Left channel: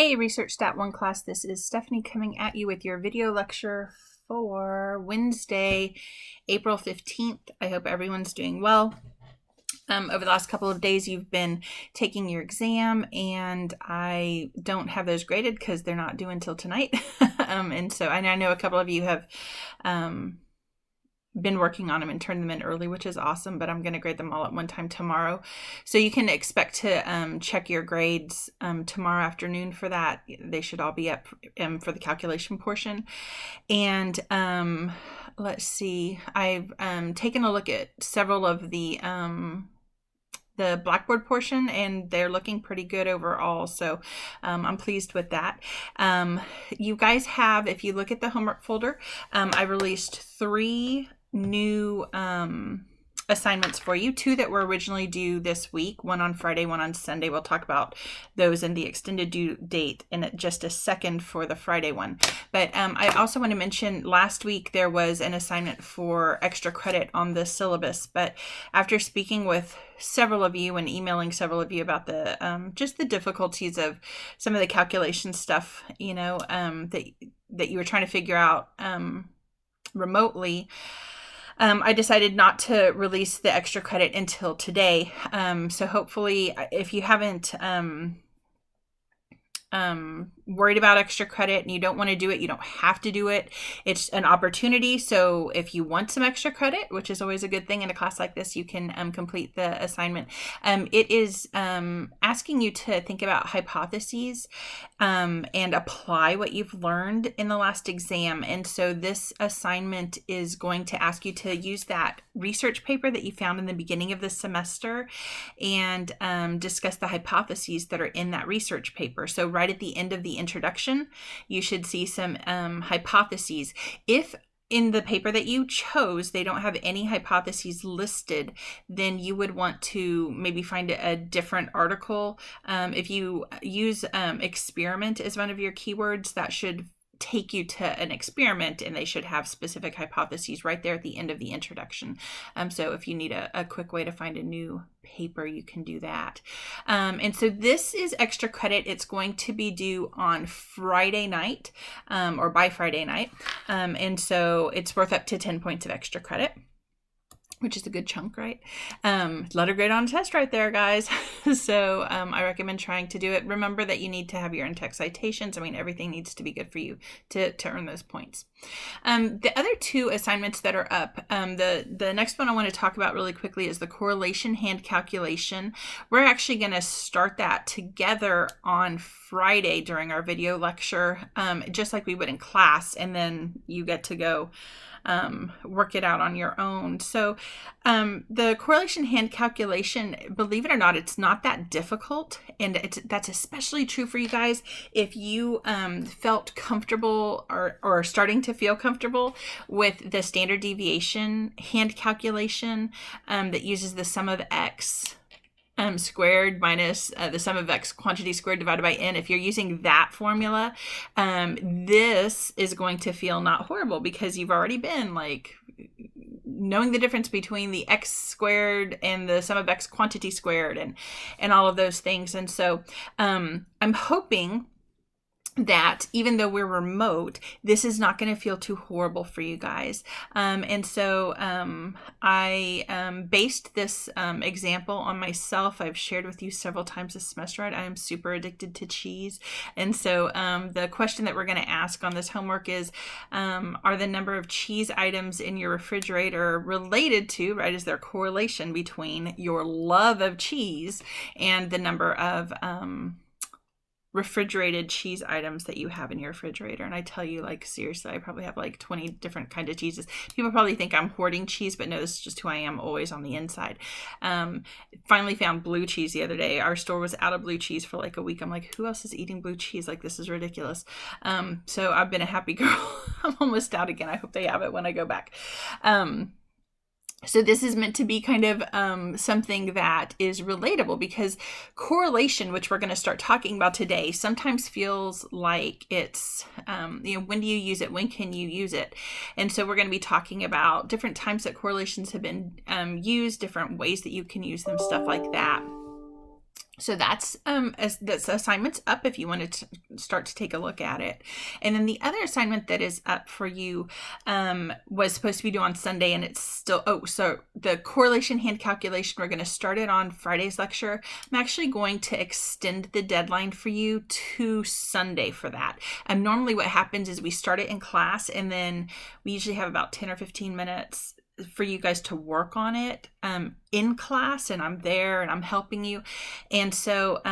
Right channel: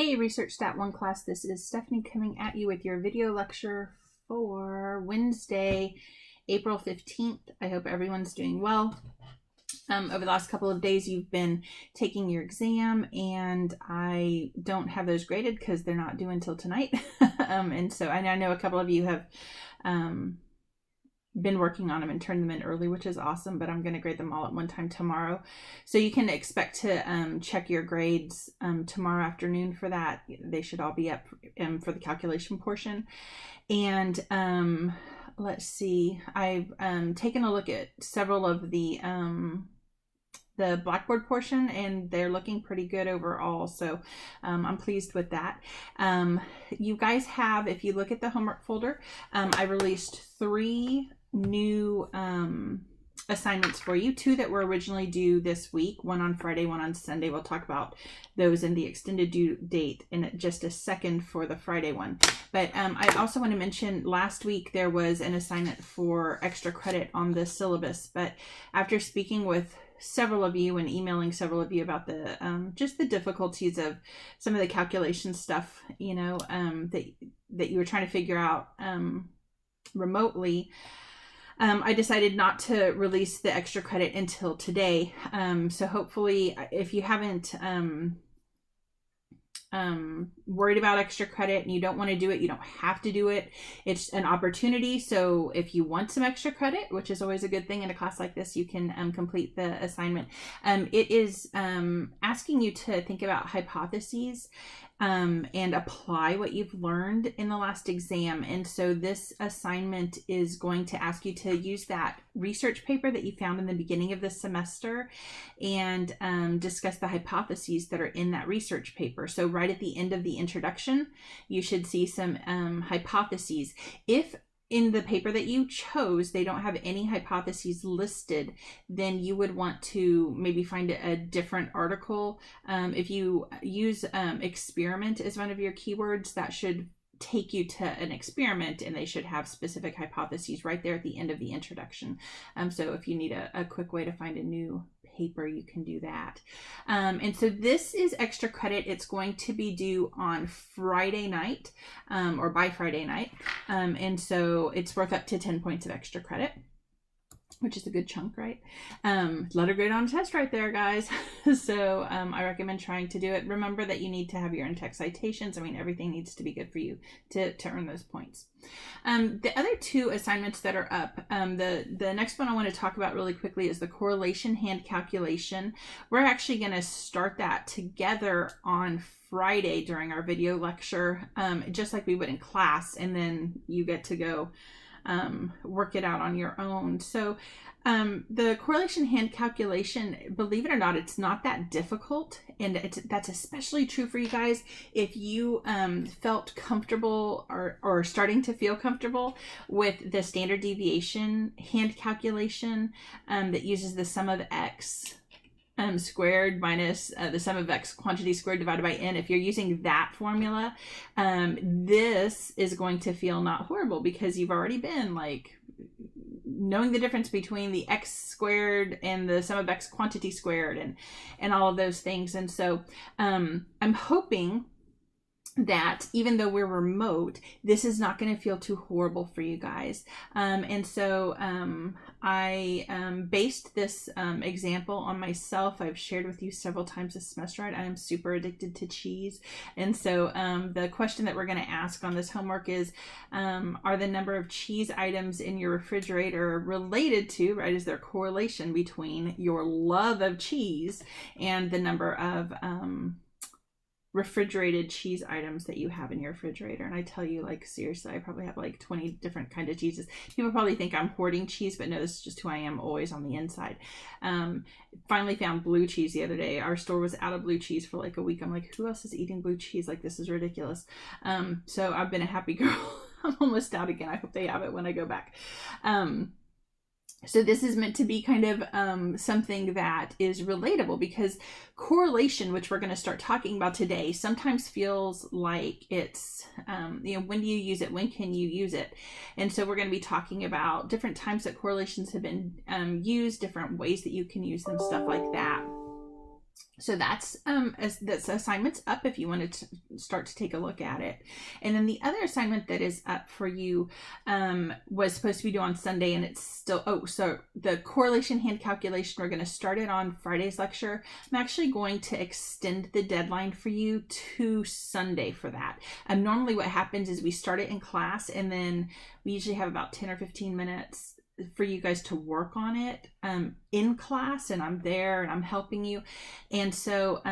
Hey, Research Stat 1 class, this is Stephanie coming at you with your video lecture for Wednesday, April 15th. I hope everyone's doing well. Over the last couple of days, you've been taking your exam, and I don't have those graded because they're not due until tonight. And I know a couple of you have been working on them and turned them in early, which is awesome, but I'm going to grade them all at one time tomorrow. So you can expect to check your grades tomorrow afternoon for that. They should all be up for the calculation portion. And let's see, I've taken a look at several of the Blackboard portion, and they're looking pretty good overall. So I'm pleased with that. You guys have, if you look at the homework folder, I released 3 new assignments for you, 2 that were originally due this week, one on Friday, one on Sunday. We'll talk about those and the extended due date in just a second for the Friday one. But I also want to mention last week there was an assignment for extra credit on the syllabus, but after speaking with several of you and emailing several of you about the just the difficulties of some of the calculation stuff, that you were trying to figure out remotely, I decided not to release the extra credit until today. So hopefully, if you haven't worried about extra credit and you don't want to do it, you don't have to do it. It's an opportunity. So if you want some extra credit, which is always a good thing in a class like this, you can complete the assignment. It is asking you to think about hypotheses and apply what you've learned in the last exam. And so this assignment is going to ask you to use that research paper that you found in the beginning of the semester and discuss the hypotheses that are in that research paper. So right at the end of the introduction, you should see some hypotheses. If in the paper that you chose, they don't have any hypotheses listed, then you would want to maybe find a different article. If you use experiment as one of your keywords, that should take you to an experiment, and they should have specific hypotheses right there at the end of the introduction. So if you need a quick way to find a new paper, you can do that. And so this is extra credit. It's going to be due on Friday night or by Friday night. And so it's worth up to 10 points of extra credit, which is a good chunk, right? Letter grade on a test right there, guys. So I recommend trying to do it. Remember that you need to have your in-text citations. I mean, everything needs to be good for you to earn those points. The other 2 assignments that are up, the next one I want to talk about really quickly is the correlation hand calculation. We're actually going to start that together on Friday during our video lecture, just like we would in class, and then you get to go work it out on your own. So the correlation hand calculation, believe it or not, it's not that difficult, and that's especially true for you guys if you felt comfortable or starting to feel comfortable with the standard deviation hand calculation that uses the sum of x squared minus the sum of x quantity squared divided by n. If you're using that formula, this is going to feel not horrible because you've already been like knowing the difference between the x squared and the sum of x quantity squared and all of those things. And so I'm hoping that even though we're remote, this is not going to feel too horrible for you guys. And so I based this example on myself. I've shared with you several times this semester. I am super addicted to cheese. And so the question that we're going to ask on this homework is, are the number of cheese items in your refrigerator related to, right, is there a correlation between your love of cheese and the number of refrigerated cheese items that you have in your refrigerator? And I tell you, like, seriously, I probably have like 20 different kinds of cheeses. People probably think I'm hoarding cheese, but no, this is just who I am always on the inside. Finally found blue cheese the other day. Our store was out of blue cheese for like a week. I'm like, who else is eating blue cheese? Like, this is ridiculous. So I've been a happy girl. I'm almost out again. I hope they have it when I go back. So this is meant to be kind of something that is relatable, because correlation, which we're going to start talking about today, sometimes feels like it's, when do you use it? When can you use it? And so we're going to be talking about different times that correlations have been used, different ways that you can use them, stuff like that. So that's assignment's up if you want to start to take a look at it. And then the other assignment that is up for you was supposed to be due on Sunday, and it's still, so the correlation hand calculation, we're going to start it on Friday's lecture. I'm actually going to extend the deadline for you to Sunday for that. And normally what happens is we start it in class, and then we usually have about 10 or 15 minutes for you guys to work on it in class, and I'm there and I'm helping you. And so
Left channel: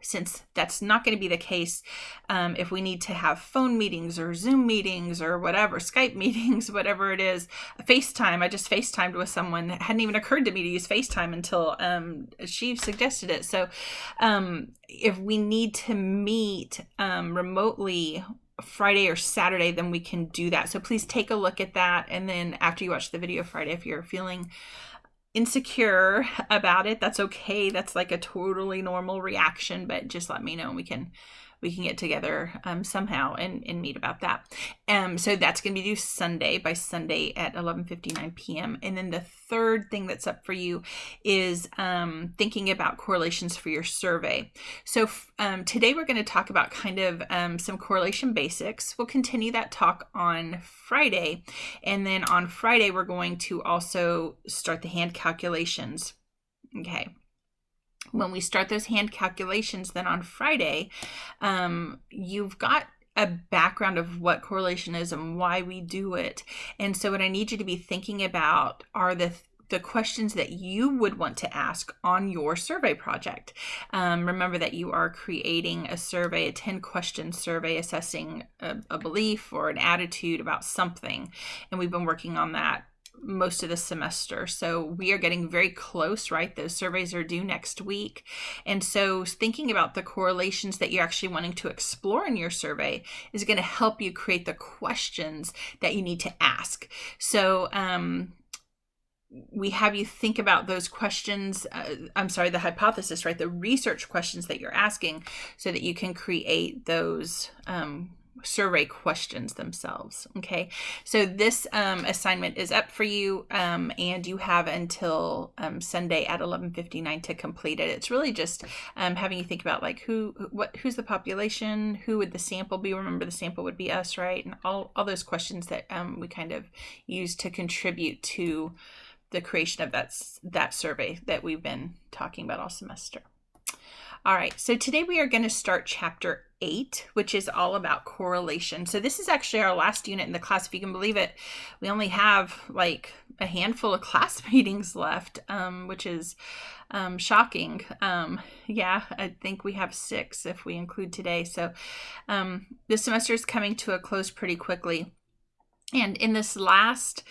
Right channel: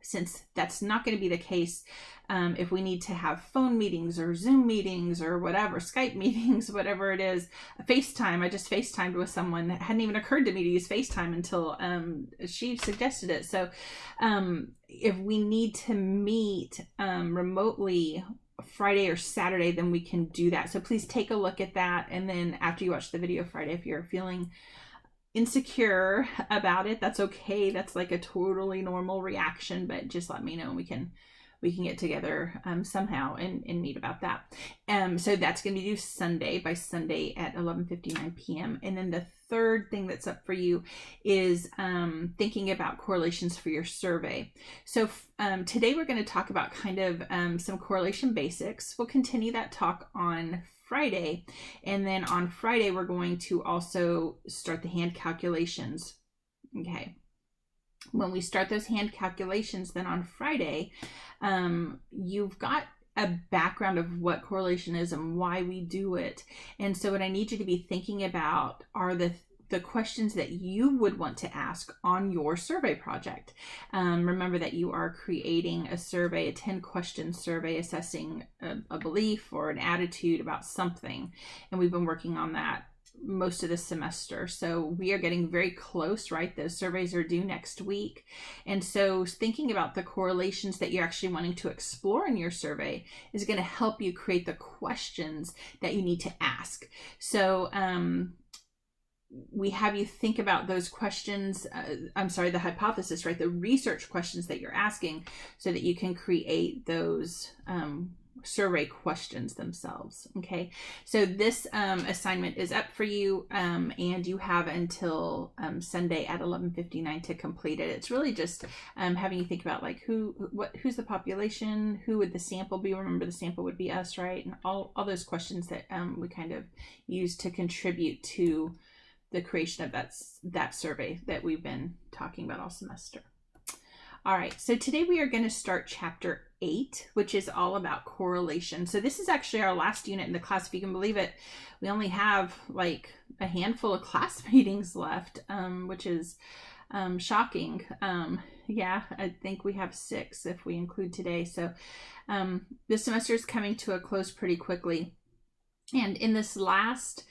since that's not going to be the case, if we need to have phone meetings or Zoom meetings or whatever, Skype meetings, whatever it is, FaceTime, I just FaceTimed with someone. It hadn't even occurred to me to use FaceTime until she suggested it. So if we need to meet remotely Friday or Saturday, then we can do that. So please take a look at that. And then after you watch the video Friday, if you're feeling insecure about it, that's okay. That's like a totally normal reaction, but just let me know and we can get together somehow and meet about that. So that's going to be due Sunday, by Sunday at 11:59 p.m. And then the third thing that's up for you is thinking about correlations for your survey. So today we're going to talk about kind of some correlation basics. We'll continue that talk on Friday. And then on Friday, we're going to also start the hand calculations. Okay. When we start those hand calculations, then on Friday, you've got a background of what correlation is and why we do it. And so what I need you to be thinking about are the questions that you would want to ask on your survey project. Remember that you are creating a survey, a 10-question survey assessing a belief or an attitude about something. And we've been working on that most of the semester. So we are getting very close, right? Those surveys are due next week. And so thinking about the correlations that you're actually wanting to explore in your survey is going to help you create the questions that you need to ask. So we have you think about those questions, the hypothesis, right? The research questions that you're asking so that you can create those survey questions themselves. Okay, so this assignment is up for you, and you have until Sunday at 11:59 to complete it. It's really just having you think about like who's the population, who would the sample be? Remember, the sample would be us, right? And all those questions that we kind of use to contribute to the creation of that survey that we've been talking about all semester. All right, so today we are going to start chapter 8, which is all about correlation. So this is actually our last unit in the class, if you can believe it. We only have like a handful of class meetings left, which is shocking. Yeah, I think we have 6 if we include today. So this semester is coming to a close pretty quickly. And in this last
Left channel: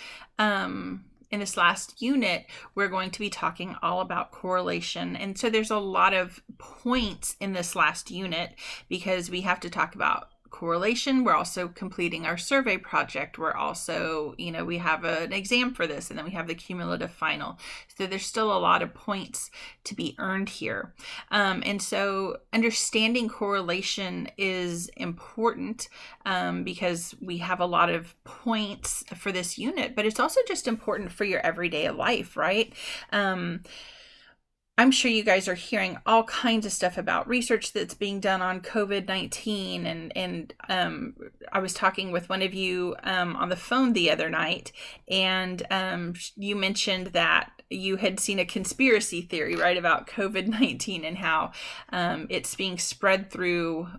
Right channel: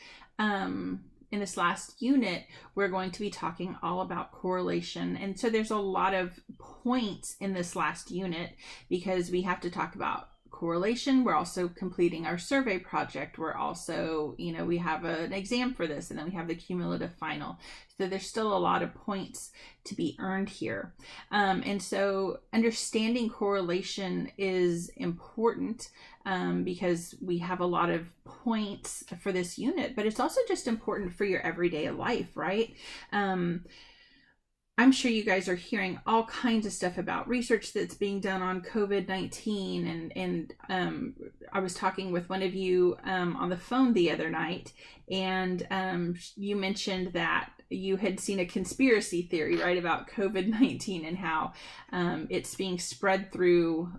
unit, we're going to be talking all about correlation. And so there's a lot of points in this last unit because we have to talk about correlation. We're also completing our survey project. We're also, we have an exam for this, and then we have the cumulative final. So there's still a lot of points to be earned here. And so understanding correlation is important because we have a lot of points for this unit, but it's also just important for your everyday life, right? I'm sure you guys are hearing all kinds of stuff about research that's being done on COVID-19. And I was talking with one of you on the phone the other night, and you mentioned that you had seen a conspiracy theory, right, about COVID-19 and how it's being spread through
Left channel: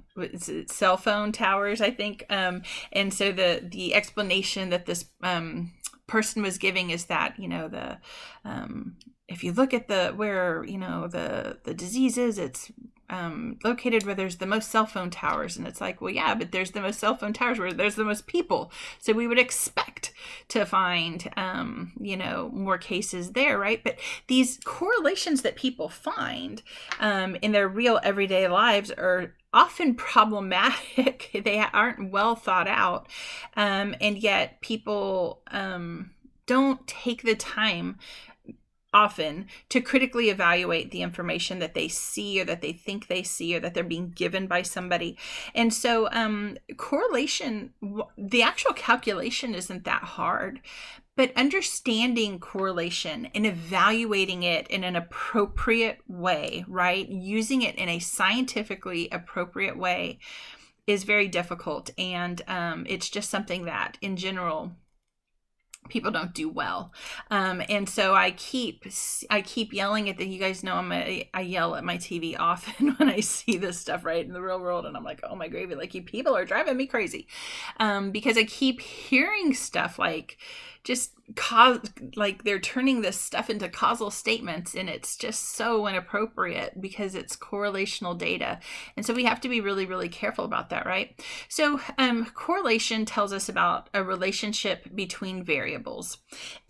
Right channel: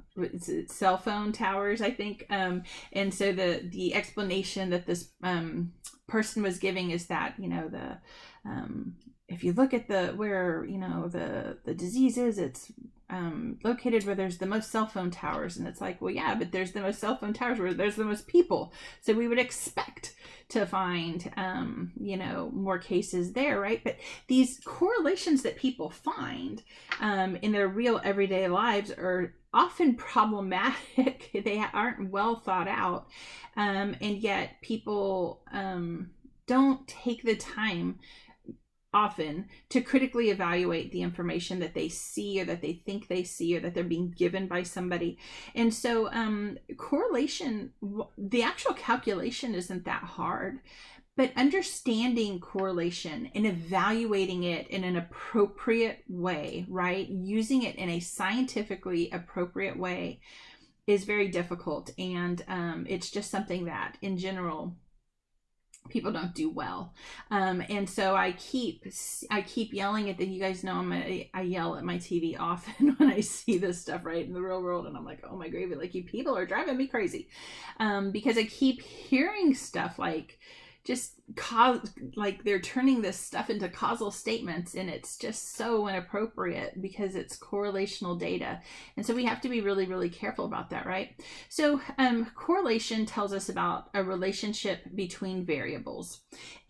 cell phone towers, I think. And so the explanation that this person was giving is that, if you look at where the disease is, it's located where there's the most cell phone towers. And it's like, well, yeah, but there's the most cell phone towers where there's the most people. So we would expect to find, more cases there, right? But these correlations that people find in their real everyday lives are often problematic. They aren't well thought out. And yet people don't take the time often to critically evaluate the information that they see or that they think they see or that they're being given by somebody. And so correlation, the actual calculation isn't that hard, But understanding correlation and evaluating it in an appropriate way, right? Using it in a scientifically appropriate way is very difficult. And it's just something that in general, people don't do well. And so I keep yelling at you guys know I yell at my TV often when I see this stuff right in the real world, and I'm like, oh my gravy, like you people are driving me crazy, because I keep hearing stuff like just like they're turning this stuff into causal statements, and it's just so inappropriate because it's correlational data. And so we have to be really, really careful about that, right? So correlation tells us about a relationship between variables,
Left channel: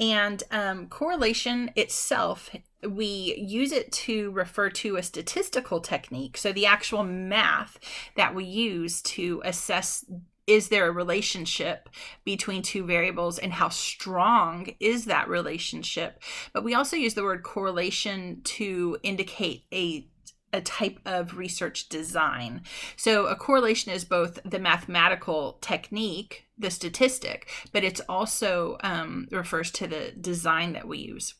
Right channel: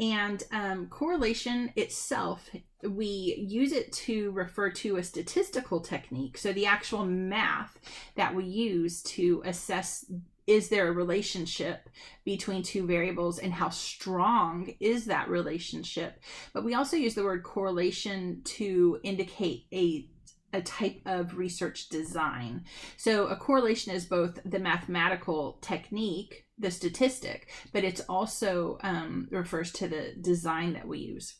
and correlation itself, we use it to refer to a statistical technique. So the actual math that we use to assess, is there a relationship between two variables and how strong is that relationship? But we also use the word correlation to indicate a type of research design. So a correlation is both the mathematical technique, the statistic, but it's also refers to the design that we use.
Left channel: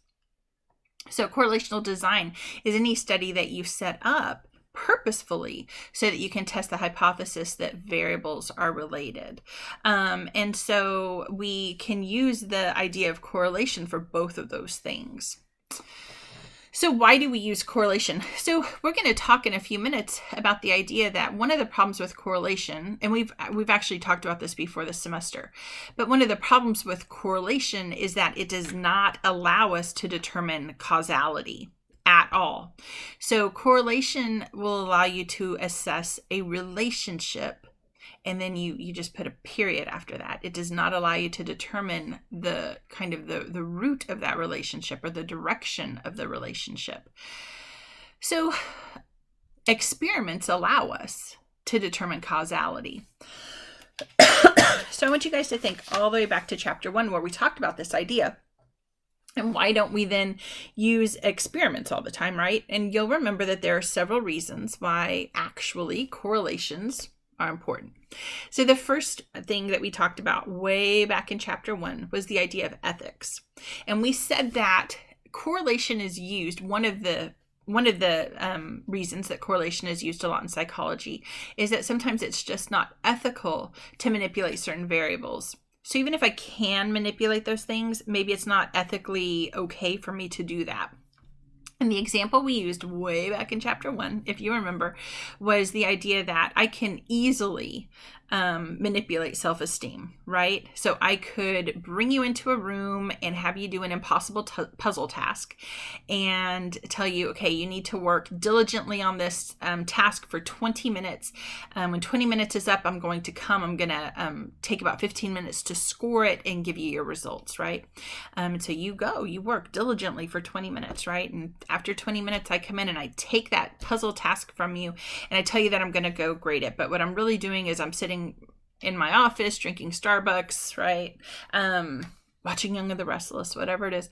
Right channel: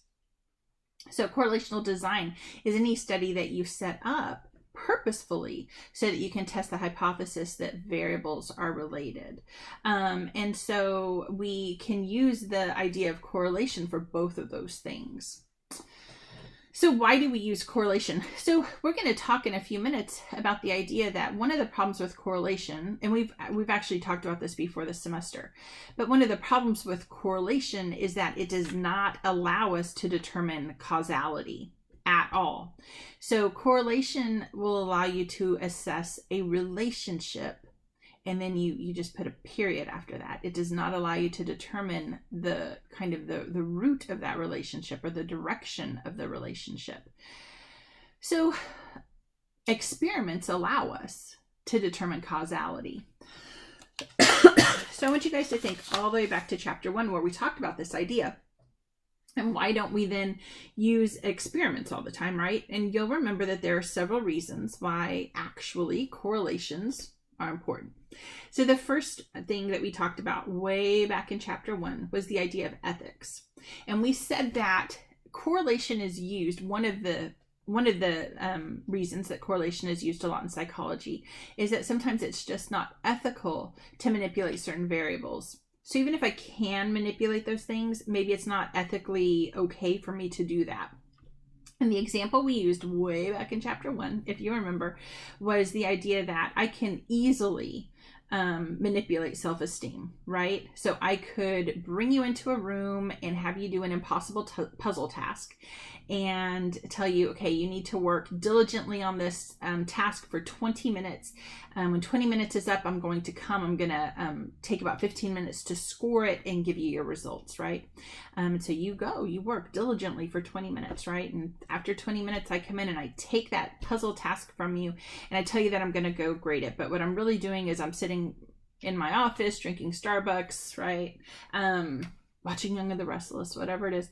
So correlational design is any study that you set up purposefully so that you can test the hypothesis that variables are related. And so we can use the idea of correlation for both of those things. So why do we use correlation? So we're going to talk in a few minutes about the idea that one of the problems with correlation, and we've actually talked about this before this semester, but one of the problems with correlation is that it does not allow us to determine causality at all. So correlation will allow you to assess a relationship, and then you just put a period after that. It does not allow you to determine the kind of the root of that relationship or the direction of the relationship. So experiments allow us to determine causality. So I want you guys to think all the way back to chapter 1 where we talked about this idea. And why don't we then use experiments all the time, right? And you'll remember that there are several reasons why actually correlations are important. So the first thing that we talked about way back in chapter 1 was the idea of ethics. And we said that correlation is used, one of the reasons that correlation is used a lot in psychology is that sometimes it's just not ethical to manipulate certain variables. So even if I can manipulate those things, maybe it's not ethically okay for me to do that. And the example we used way back in chapter 1, if you remember, was the idea that I can easily manipulate self-esteem, right? So I could bring you into a room and have you do an impossible puzzle task and tell you, okay, you need to work diligently on this task for 20 minutes. When 20 minutes is up, I'm going to take about 15 minutes to score it and give you your results, right? So you work diligently for 20 minutes, right? And after 20 minutes, I come in and I take that puzzle task from you and I tell you that I'm going to go grade it. But what I'm really doing is I'm sitting in my office drinking Starbucks, right? Watching Young and the Restless, whatever it is.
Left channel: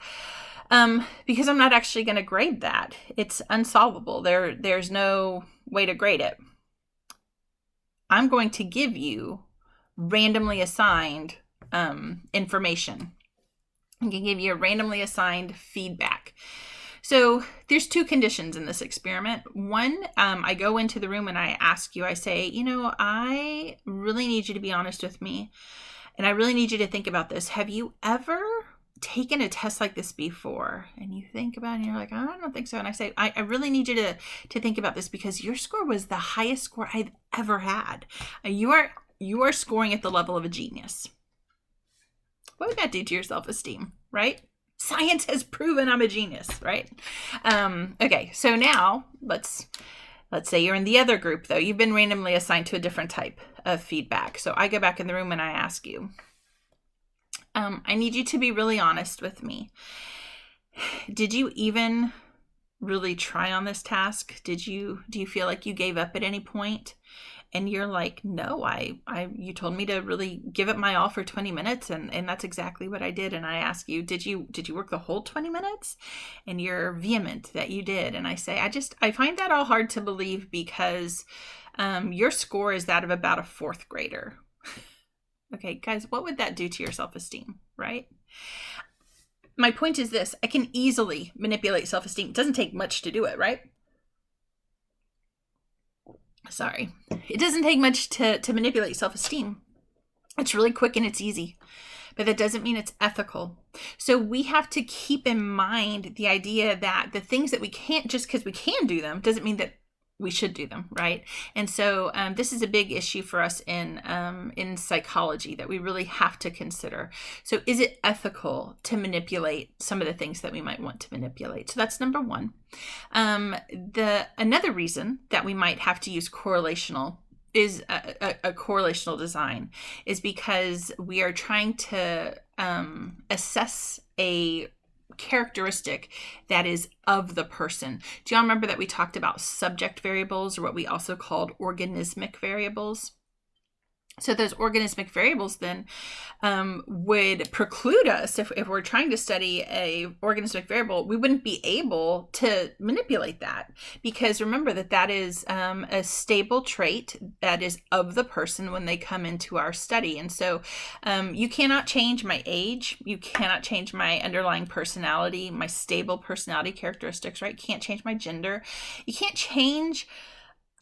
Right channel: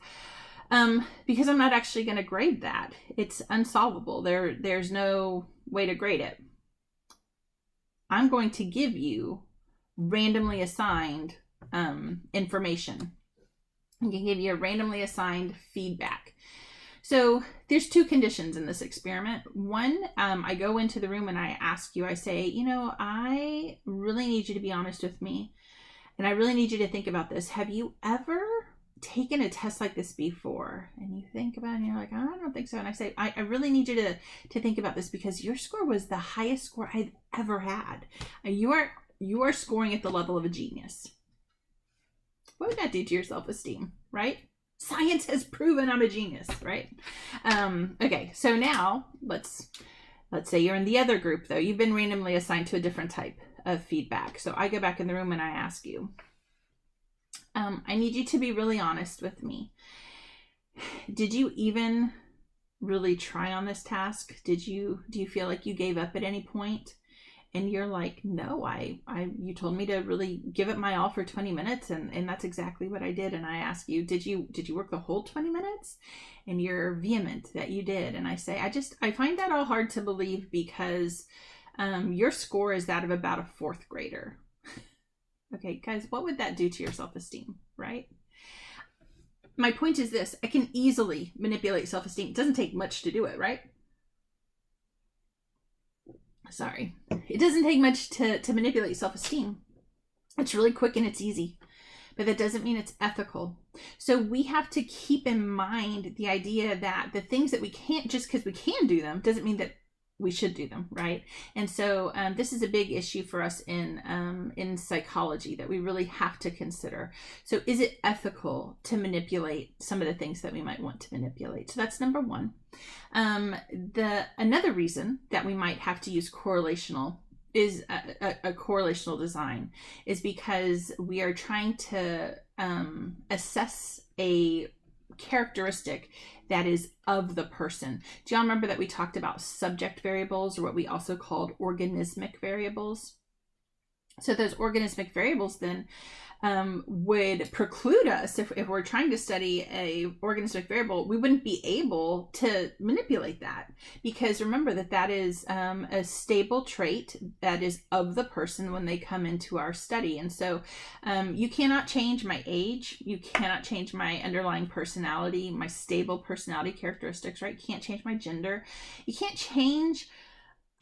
Because I'm not actually going to grade that. It's unsolvable. There's no way to grade it. I'm going to give you randomly assigned information. I'm going to give you a randomly assigned feedback. So there's two conditions in this experiment. One, I go into the room and I ask you, I say, I really need you to be honest with me. And I really need you to think about this. Have you ever taken a test like this before? And you think about it and you're like, I don't think so. And I say, I really need you to think about this because your score was the highest score I've ever had. You are scoring at the level of a genius. What would that do to your self-esteem, right? Science has proven I'm a genius, right? Okay, so now let's say you're in the other group though. You've been randomly assigned to a different type of feedback. So I go back in the room and I ask you, I need you to be really honest with me. Did you even really try on this task? Do you feel like you gave up at any point? And you're like, no, you told me to really give it my all for 20 minutes. And that's exactly what I did. And I ask you, did you work the whole 20 minutes? And you're vehement that you did. And I say, I find that all hard to believe because your score is that of about a fourth grader. Okay, guys, what would that do to your self-esteem, right? my point is this: I can easily manipulate self-esteem. It doesn't take much to do it, right? Sorry. It doesn't take much to manipulate self-esteem. It's really quick and it's easy, but that doesn't mean it's ethical. So we have to keep in mind the idea that the things that we can't, just because we can do them, doesn't mean that we should do them, right? And so this is a big issue for us in psychology that we really have to consider. So is it ethical to manipulate some of the things that we might want to manipulate? So that's number one. Another reason that we might have to use correlational is a correlational design is because we are trying to assess a characteristic that is of the person. Do y'all remember that we talked about subject variables, or what we also called organismic variables? So those organismic variables then would preclude us, if we're trying to study a organismic variable, we wouldn't be able to manipulate that, because remember that is a stable trait that is of the person when they come into our study. And so you cannot change my age, you cannot change my underlying personality, my stable personality characteristics, right? You can't change my gender, you can't change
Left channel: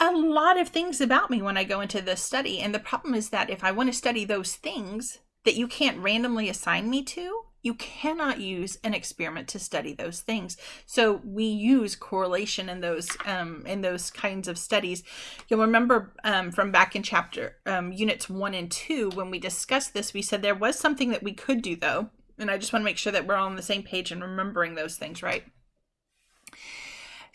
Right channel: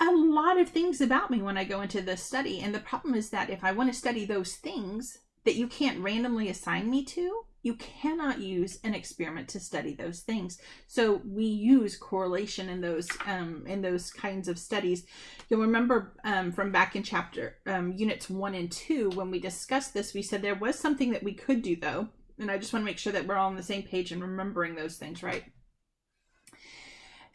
a lot of things about me when I go into this study. And the problem is that if I want to study those things that you can't randomly assign me to, you cannot use an experiment to study those things. So we use correlation in those kinds of studies. You'll remember from back in chapter units 1 and 2, when we discussed this, we said there was something that we could do though. And I just want to make sure that we're all on the same page and remembering those things, right?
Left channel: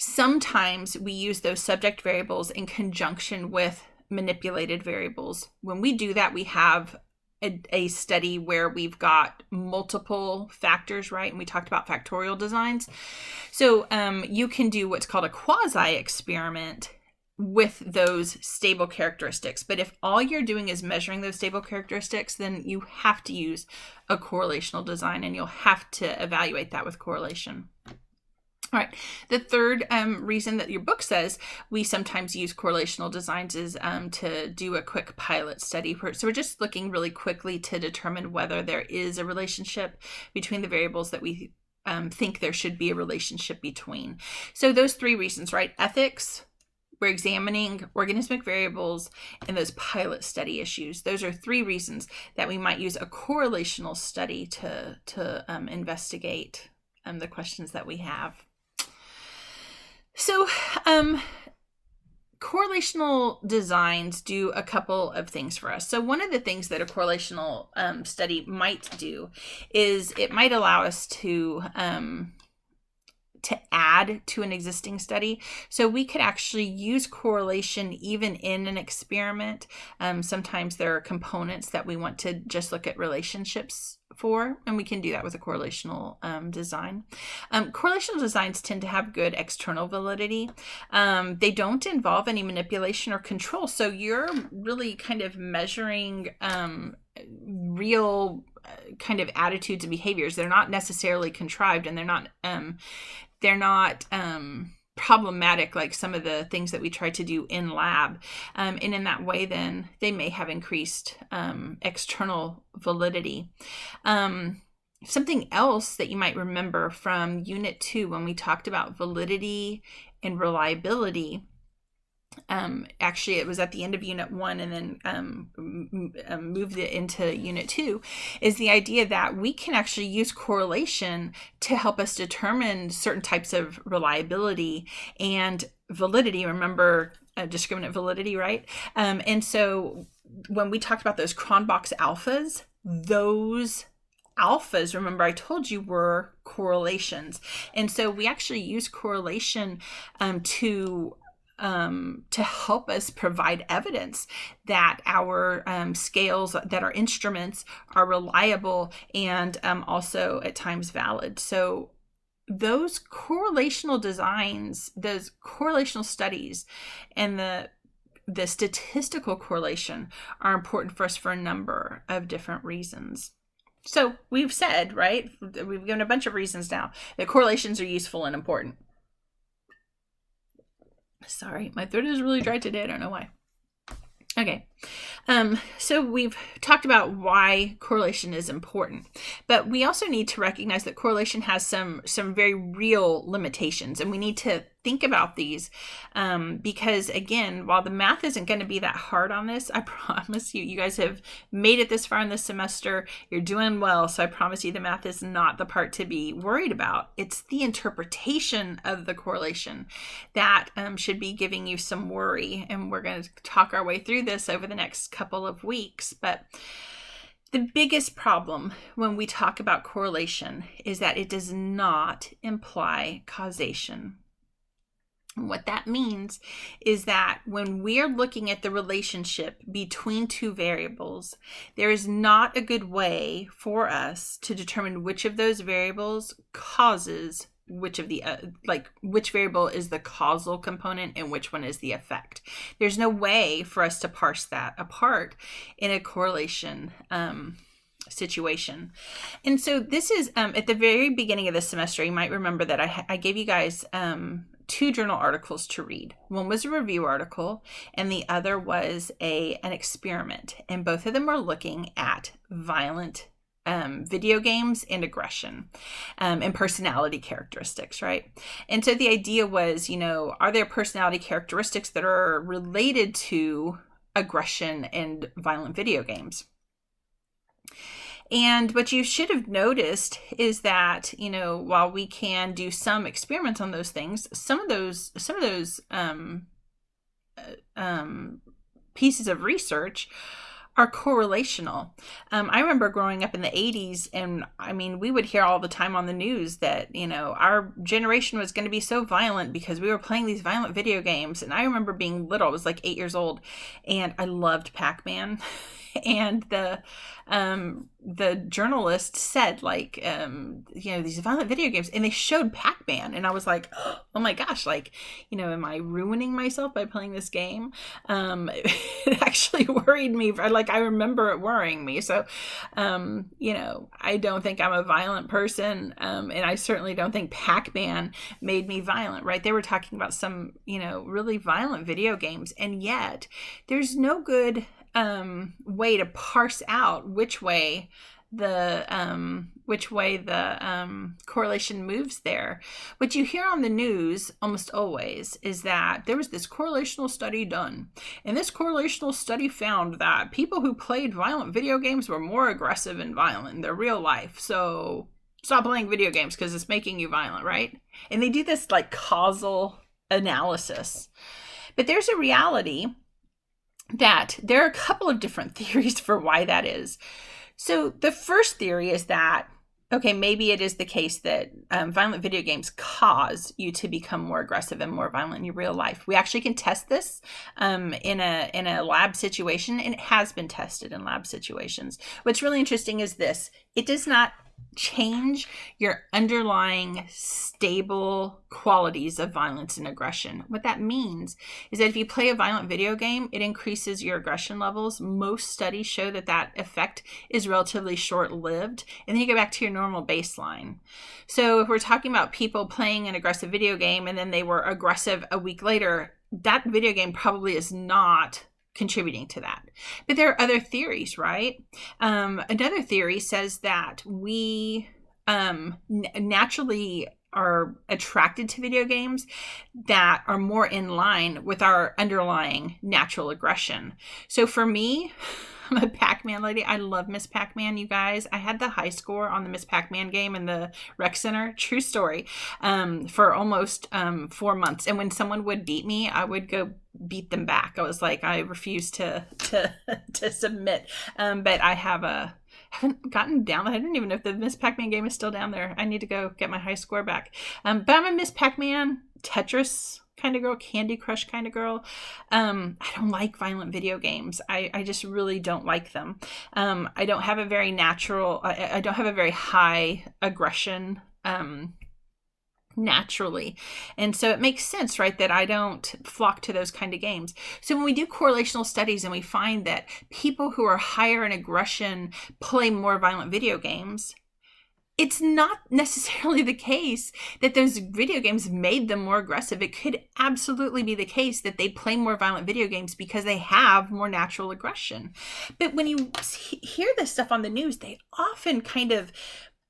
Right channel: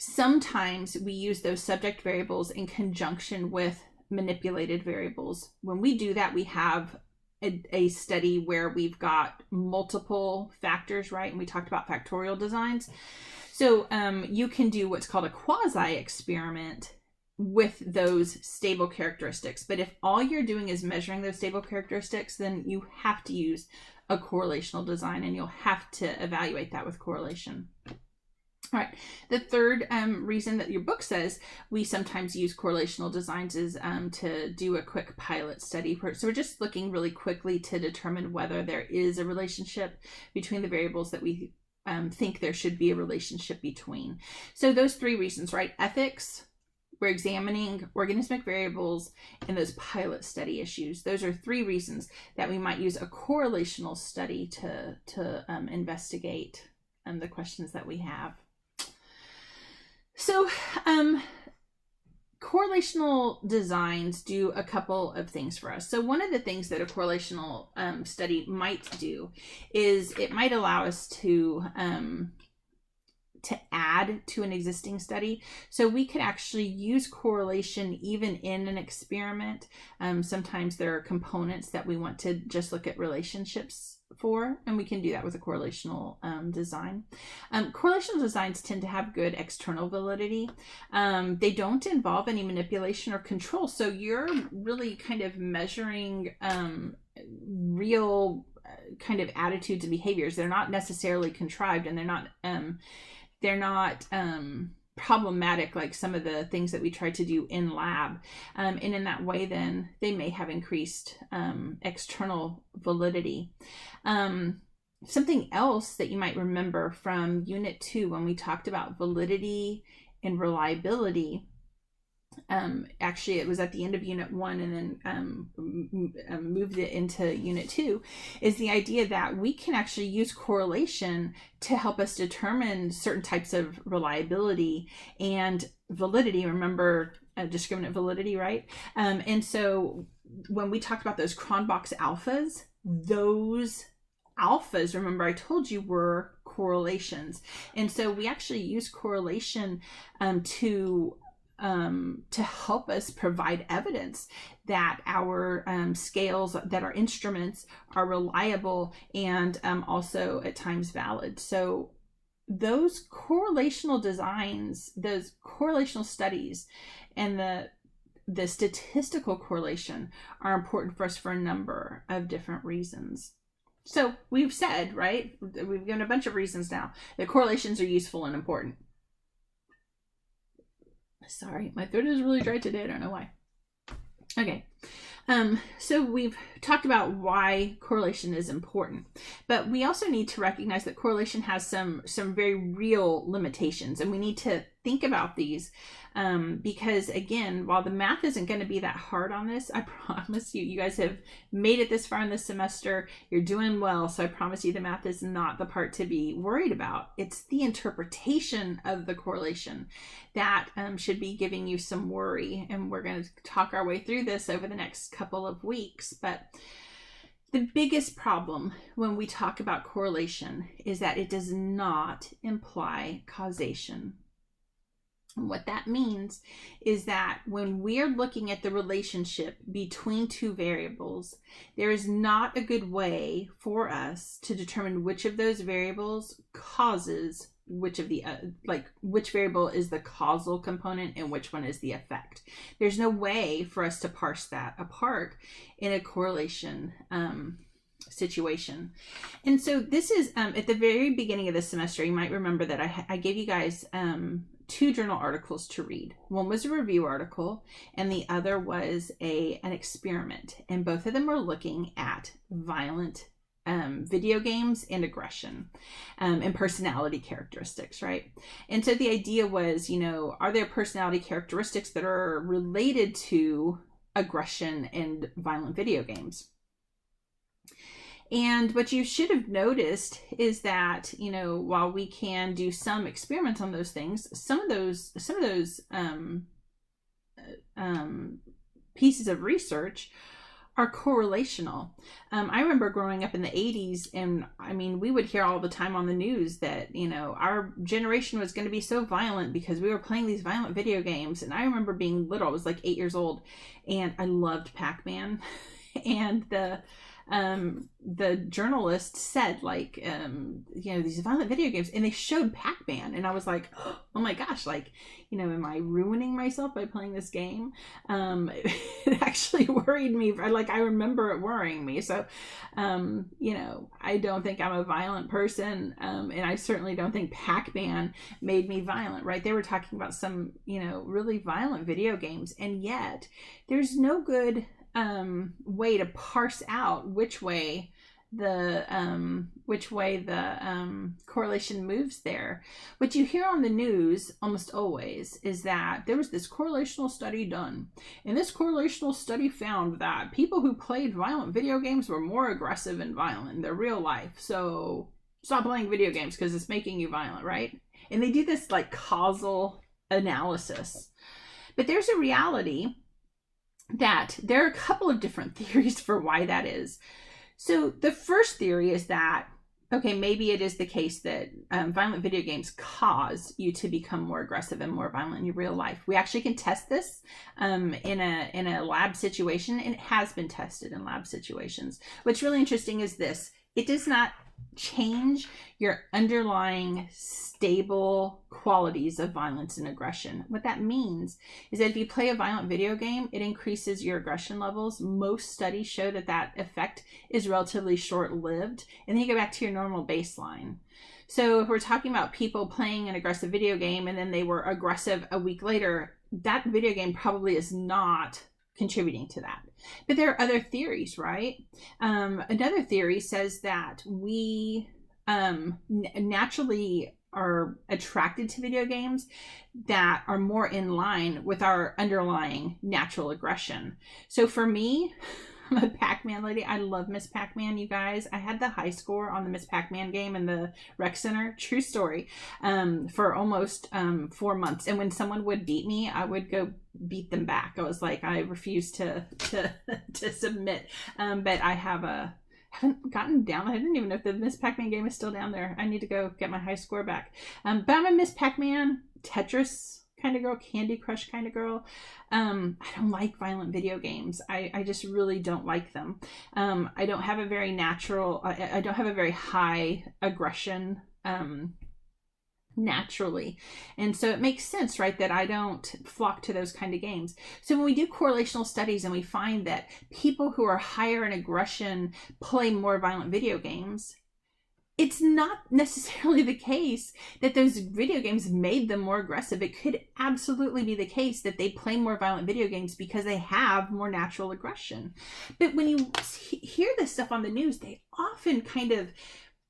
Sometimes we use those subject variables in conjunction with manipulated variables. When we do that, we have a study where we've got multiple factors, right? And we talked about factorial designs. So you can do what's called a quasi-experiment with those stable characteristics. But if all you're doing is measuring those stable characteristics, then you have to use a correlational design, and you'll have to evaluate that with correlation. All right. The third reason that your book says we sometimes use correlational designs is to do a quick pilot study. So we're just looking really quickly to determine whether there is a relationship between the variables that we think there should be a relationship between. So those three reasons, right? Ethics, we're examining organismic variables, and those pilot study issues. Those are three reasons that we might use a correlational study to investigate the questions that we have. So correlational designs do a couple of things for us. So one of the things that a correlational study might do is it might allow us to add to an existing study. So we could actually use correlation even in an experiment. Sometimes there are components that we want to just look at relationships for, and we can do that with a correlational design. Correlational designs tend to have good external validity. They don't involve any manipulation or control. So you're really kind of measuring real kind of attitudes and behaviors. They're not necessarily contrived, and they're not problematic like some of the things that we try to do in lab. And in that way, then they may have increased external validity. Something else that you might remember from Unit 2 when we talked about validity and reliability, actually it was at the end of Unit 1 and then moved it into Unit 2, is the idea that we can actually use correlation to help us determine certain types of reliability and validity. Remember discriminant validity, right? And so when we talked about those Cronbach's alphas, those alphas, remember I told you, were correlations. And so we actually use correlation to help us provide evidence that our scales, that our instruments are reliable and also at times valid. So those correlational designs, those correlational studies, and the statistical correlation are important for us for a number of different reasons. So we've said, right, we've given a bunch of reasons now that correlations are useful and important. Sorry, my throat is really dry today. I don't know why. Okay. So we've talked about why correlation is important, but we also need to recognize that correlation has some very real limitations, and we need to think about these because, again, while the math isn't going to be that hard on this, I promise you guys have made it this far in this semester. You're doing well, so I promise you the math is not the part to be worried about. It's the interpretation of the correlation that should be giving you some worry, and we're going to talk our way through this over the next couple of weeks. But the biggest problem when we talk about correlation is that it does not imply causation. What that means is that when we're looking at the relationship between two variables, there is not a good way for us to determine which of those variables causes which of the which variable is the causal component and which one is the effect. There's no way for us to parse that apart in a correlation situation. And so this is at the very beginning of the semester, you might remember that I gave you guys two journal articles to read. One was a review article and the other was an experiment, and both of them were looking at violent video games and aggression and personality characteristics, right? And so the idea was, are there personality characteristics that are related to aggression and violent video games? And what you should have noticed is that, while we can do some experiments on those things, some of those pieces of research are correlational. I remember growing up in the 80s, and we would hear all the time on the news that, our generation was going to be so violent because we were playing these violent video games. And I remember being little, I was like 8 years old, and I loved Pac-Man. And the journalist said, these violent video games, and they showed Pac-Man, and I was like, oh my gosh, am I ruining myself by playing this game? It actually worried me. I remember it worrying me. So, I don't think I'm a violent person, and I certainly don't think Pac-Man made me violent, right? They were talking about some, really violent video games, and yet there's no good way to parse out which way the correlation moves there. What you hear on the news almost always is that there was this correlational study done, and this correlational study found that people who played violent video games were more aggressive and violent in their real life. So stop playing video games because it's making you violent, right? And they do this causal analysis. But there's a reality that there are a couple of different theories for why that is. So the first theory is that, okay, maybe it is the case that violent video games cause you to become more aggressive and more violent in your real life. We actually can test this in a lab situation, and it has been tested in lab situations. What's really interesting is this: it does not change your underlying stable qualities of violence and aggression. What that means is that if you play a violent video game, it increases your aggression levels. Most studies show that effect is relatively short-lived, and then you go back to your normal baseline. So if we're talking about people playing an aggressive video game and then they were aggressive a week later, that video game probably is not contributing to that. But there are other theories, right? Another theory says that we naturally are attracted to video games that are more in line with our underlying natural aggression. So for me, I'm a Pac-Man lady. I love Miss Pac-Man, you guys. I had the high score on the Miss Pac-Man game in the rec center. True story. For almost 4 months. And when someone would beat me, I would go beat them back. I was like, I refuse to submit. But I haven't gotten down. I don't even know if the Miss Pac-Man game is still down there. I need to go get my high score back. But I'm a Miss Pac-Man, Tetris kind of girl, Candy Crush kind of girl. I don't like violent video games. I just really don't like them. I don't have a very natural, I don't have a very high aggression naturally. And so it makes sense, right, that I don't flock to those kind of games. So when we do correlational studies and we find that people who are higher in aggression play more violent video games, it's not necessarily the case that those video games made them more aggressive. It could absolutely be the case that they play more violent video games because they have more natural aggression. But when you hear this stuff on the news, they often kind of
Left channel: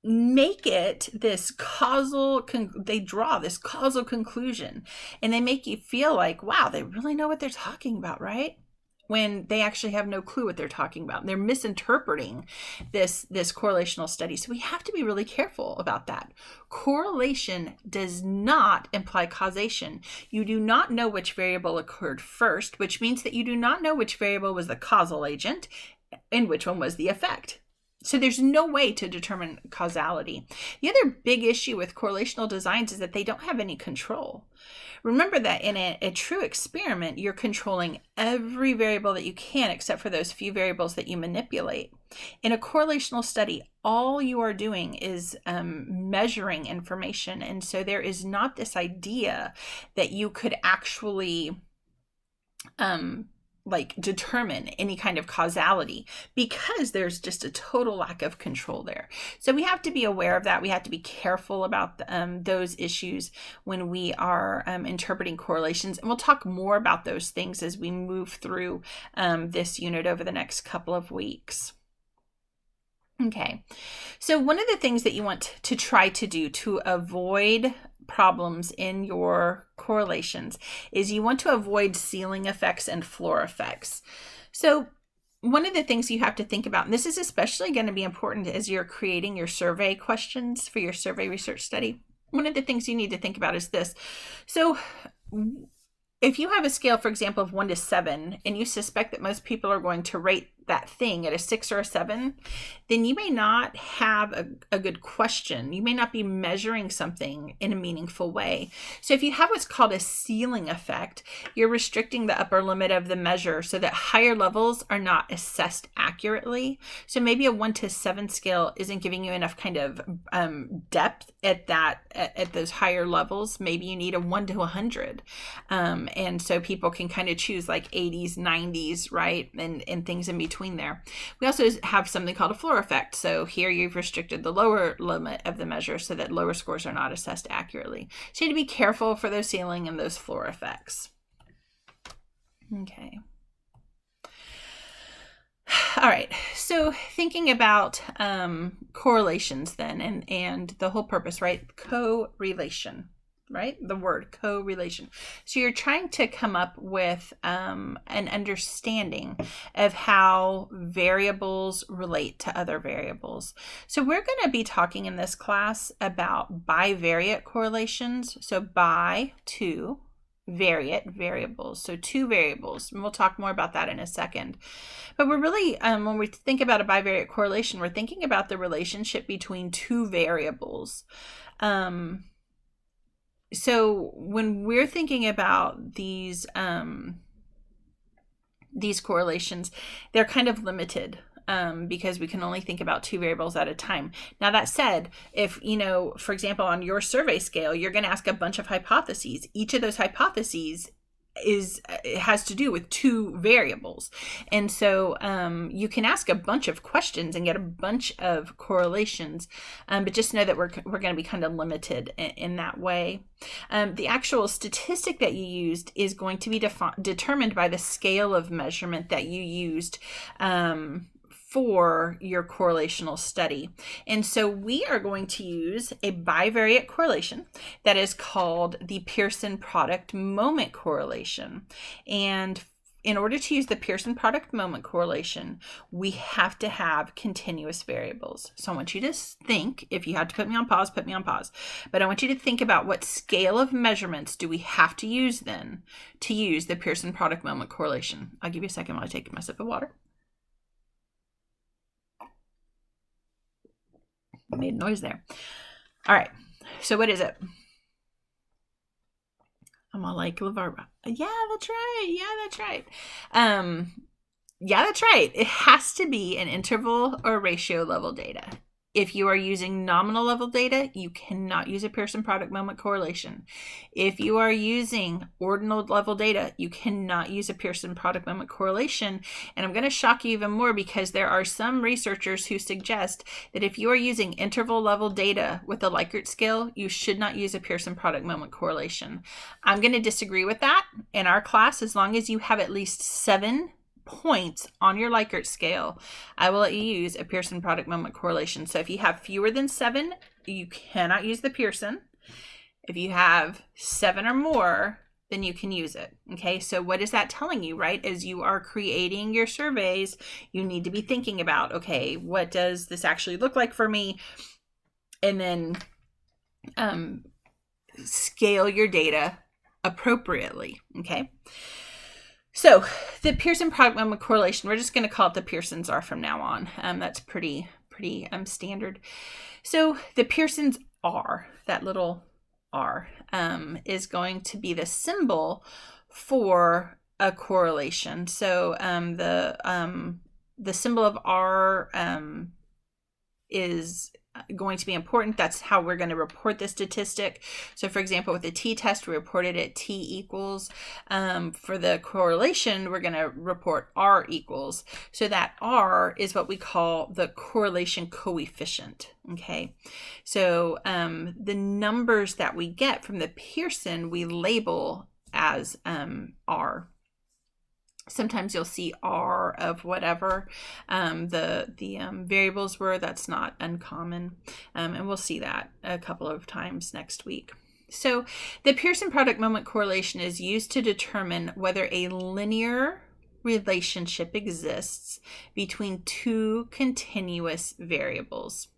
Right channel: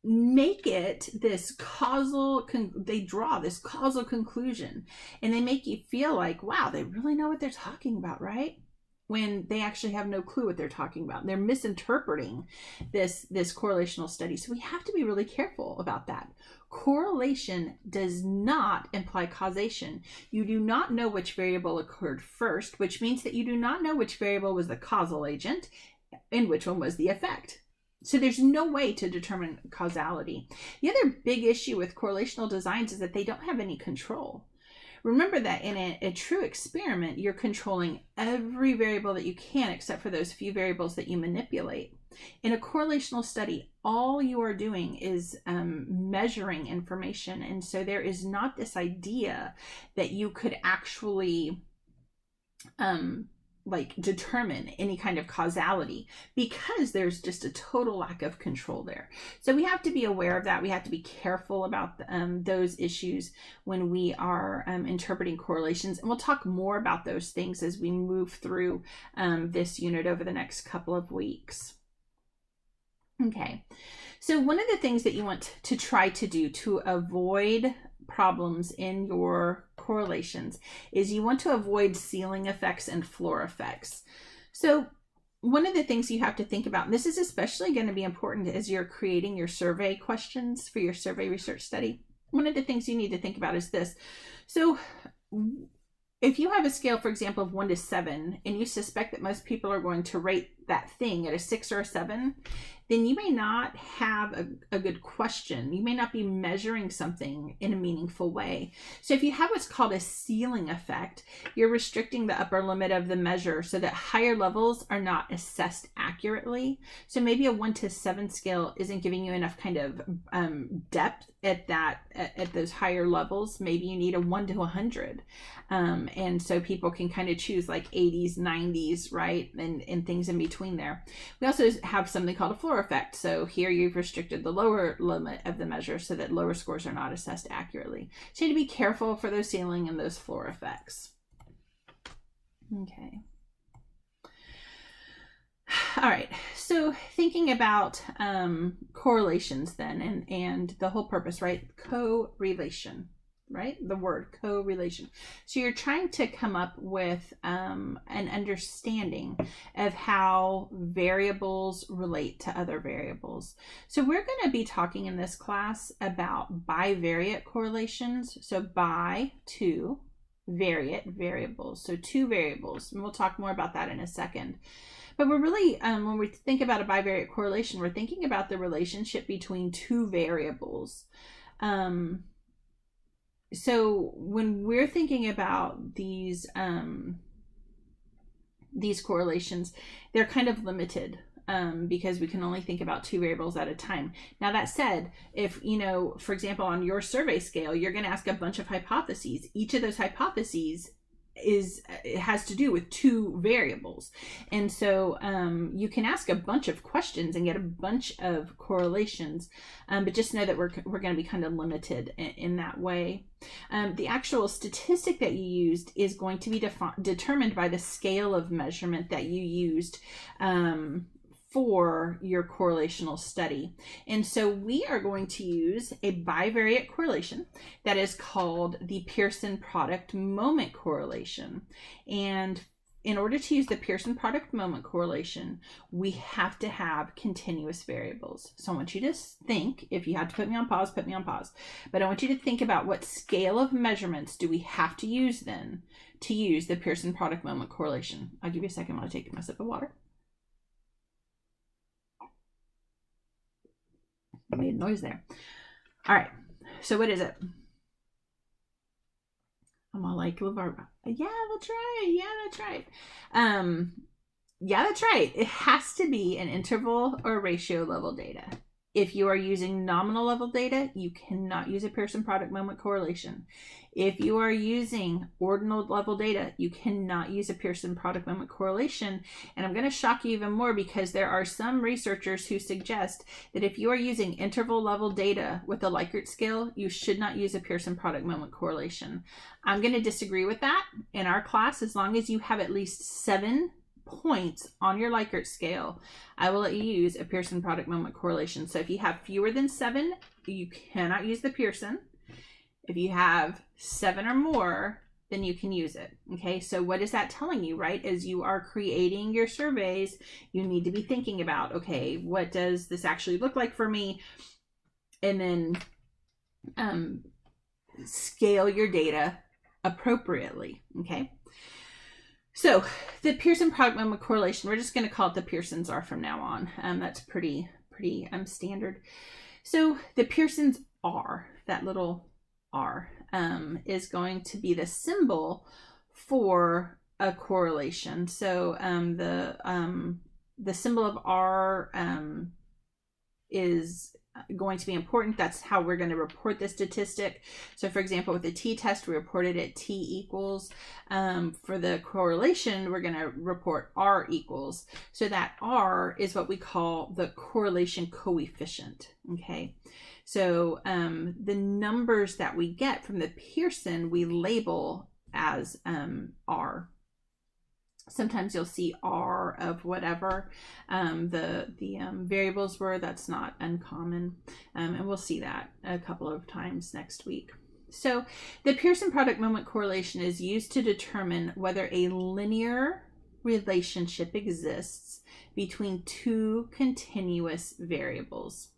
make it this they draw this causal conclusion, and they make you feel like, wow, they really know what they're talking about, right? When they actually have no clue what they're talking about. They're misinterpreting this correlational study. So we have to be really careful about that. Correlation does not imply causation. You do not know which variable occurred first, which means that you do not know which variable was the causal agent and which one was the effect. So there's no way to determine causality. The other big issue with correlational designs is that they don't have any control. Remember that in a true experiment, you're controlling every variable that you can except for those few variables that you manipulate. In a correlational study, all you are doing is measuring information. And so there is not this idea that you could actually determine any kind of causality, because there's just a total lack of control there. So we have to be aware of that. We have to be careful about those issues when we are interpreting correlations. And we'll talk more about those things as we move through this unit over the next couple of weeks. Okay, so one of the things that you want to try to do to avoid problems in your correlations is you want to avoid ceiling effects and floor effects. So one of the things you have to think about, and this is especially going to be important as you're creating your survey questions for your survey research study, one of the things you need to think about is this. So if you have a scale, for example, of 1 to 7, and you suspect that most people are going to rate that thing at a 6 or a 7, then you may not have a good question. You may not be measuring something in a meaningful way. So if you have what's called a ceiling effect, you're restricting the upper limit of the measure so that higher levels are not assessed accurately. So maybe a 1 to 7 scale isn't giving you enough kind of depth at those higher levels. Maybe you need a 1 to 100. And so people can kind of choose like 80s, 90s, right? And things in between there. We also have something called a floor effect. So here you've restricted the lower limit of the measure so that lower scores are not assessed accurately. So you need to be careful for those ceiling and those floor effects. Okay. All right, so thinking about correlations then, and the whole purpose, right? Correlation, right? The word correlation. So you're trying to come up with an understanding of how variables relate to other variables. So we're going to be talking in this class about bivariate correlations. So bi, two, variate, variables. So two variables, and we'll talk more about that in a second. But we're really, when we think about a bivariate correlation, we're thinking about the relationship between two variables. So when we're thinking about these correlations, they're kind of limited because we can only think about two variables at a time. Now that said, if, for example, on your survey scale, you're going to ask a bunch of hypotheses. Each of those hypotheses has to do with two variables, and so you can ask a bunch of questions and get a bunch of correlations, but just know that we're going to be kind of limited in that way. The actual statistic that you used is going to be determined by the scale of measurement that you used for your correlational study. And so we are going to use a bivariate correlation that is called the Pearson product moment correlation. And in order to use the Pearson product moment correlation, we have to have continuous variables. So I want you to think, if you have to put me on pause, put me on pause. But I want you to think about what scale of measurements do we have to use then to use the Pearson product moment correlation. I'll give you a second while I take my sip of water. Made noise there. All right. So what is it? I'm all like LeVar. Yeah, that's right. Yeah, that's right. Yeah, that's right. It has to be an interval or ratio level data. If you are using nominal level data, you cannot use a Pearson product moment correlation. If you are using ordinal level data, you cannot use a Pearson product moment correlation. And I'm going to shock you even more, because there are some researchers who suggest that if you are using interval level data with a Likert scale, you should not use a Pearson product moment correlation. I'm going to disagree with that. In our class, as long as you have at least 7 points on your Likert scale, I will let you use a Pearson product moment correlation. So if you have fewer than 7, you cannot use the Pearson. If you have 7 or more, then you can use it. Okay, so what is that telling you, right? As you are creating your surveys, you need to be thinking about, okay, what does this actually look like for me? And then scale your data appropriately. Okay. So the Pearson product moment correlation, we're just going to call it the Pearson's R from now on. That's pretty standard. So the Pearson's R, that little R, is going to be the symbol for a correlation. So the symbol of R is going to be important. That's how we're going to report the statistic. So for example, with the t-test, we reported it t equals. For the correlation, we're going to report R equals. So that R is what we call the correlation coefficient. Okay. So the numbers that we get from the Pearson, we label as R. Sometimes you'll see R of whatever the variables were. That's not uncommon. And we'll see that a couple of times next week. So the Pearson product moment correlation is used to determine whether a linear relationship exists between 2 continuous variables.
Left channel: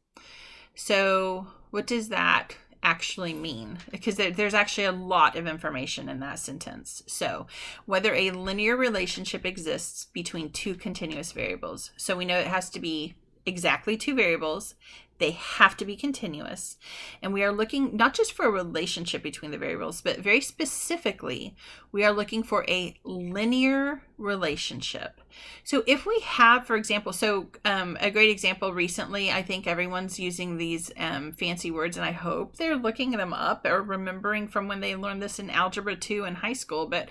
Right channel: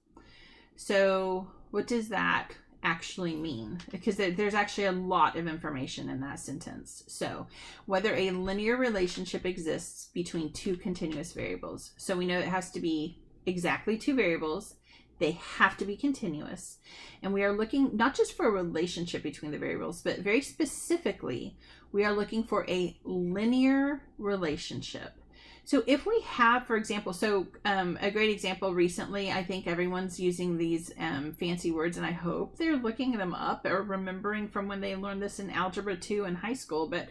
So what does that actually mean? Because there's actually a lot of information in that sentence. So whether a linear relationship exists between 2 continuous variables. So we know it has to be exactly 2 variables. They have to be continuous. And we are looking not just for a relationship between the variables, but very specifically, we are looking for a linear relationship. So if we have, for example, a great example recently, I think everyone's using these fancy words, and I hope they're looking them up or remembering from when they learned this in Algebra 2 in high school. But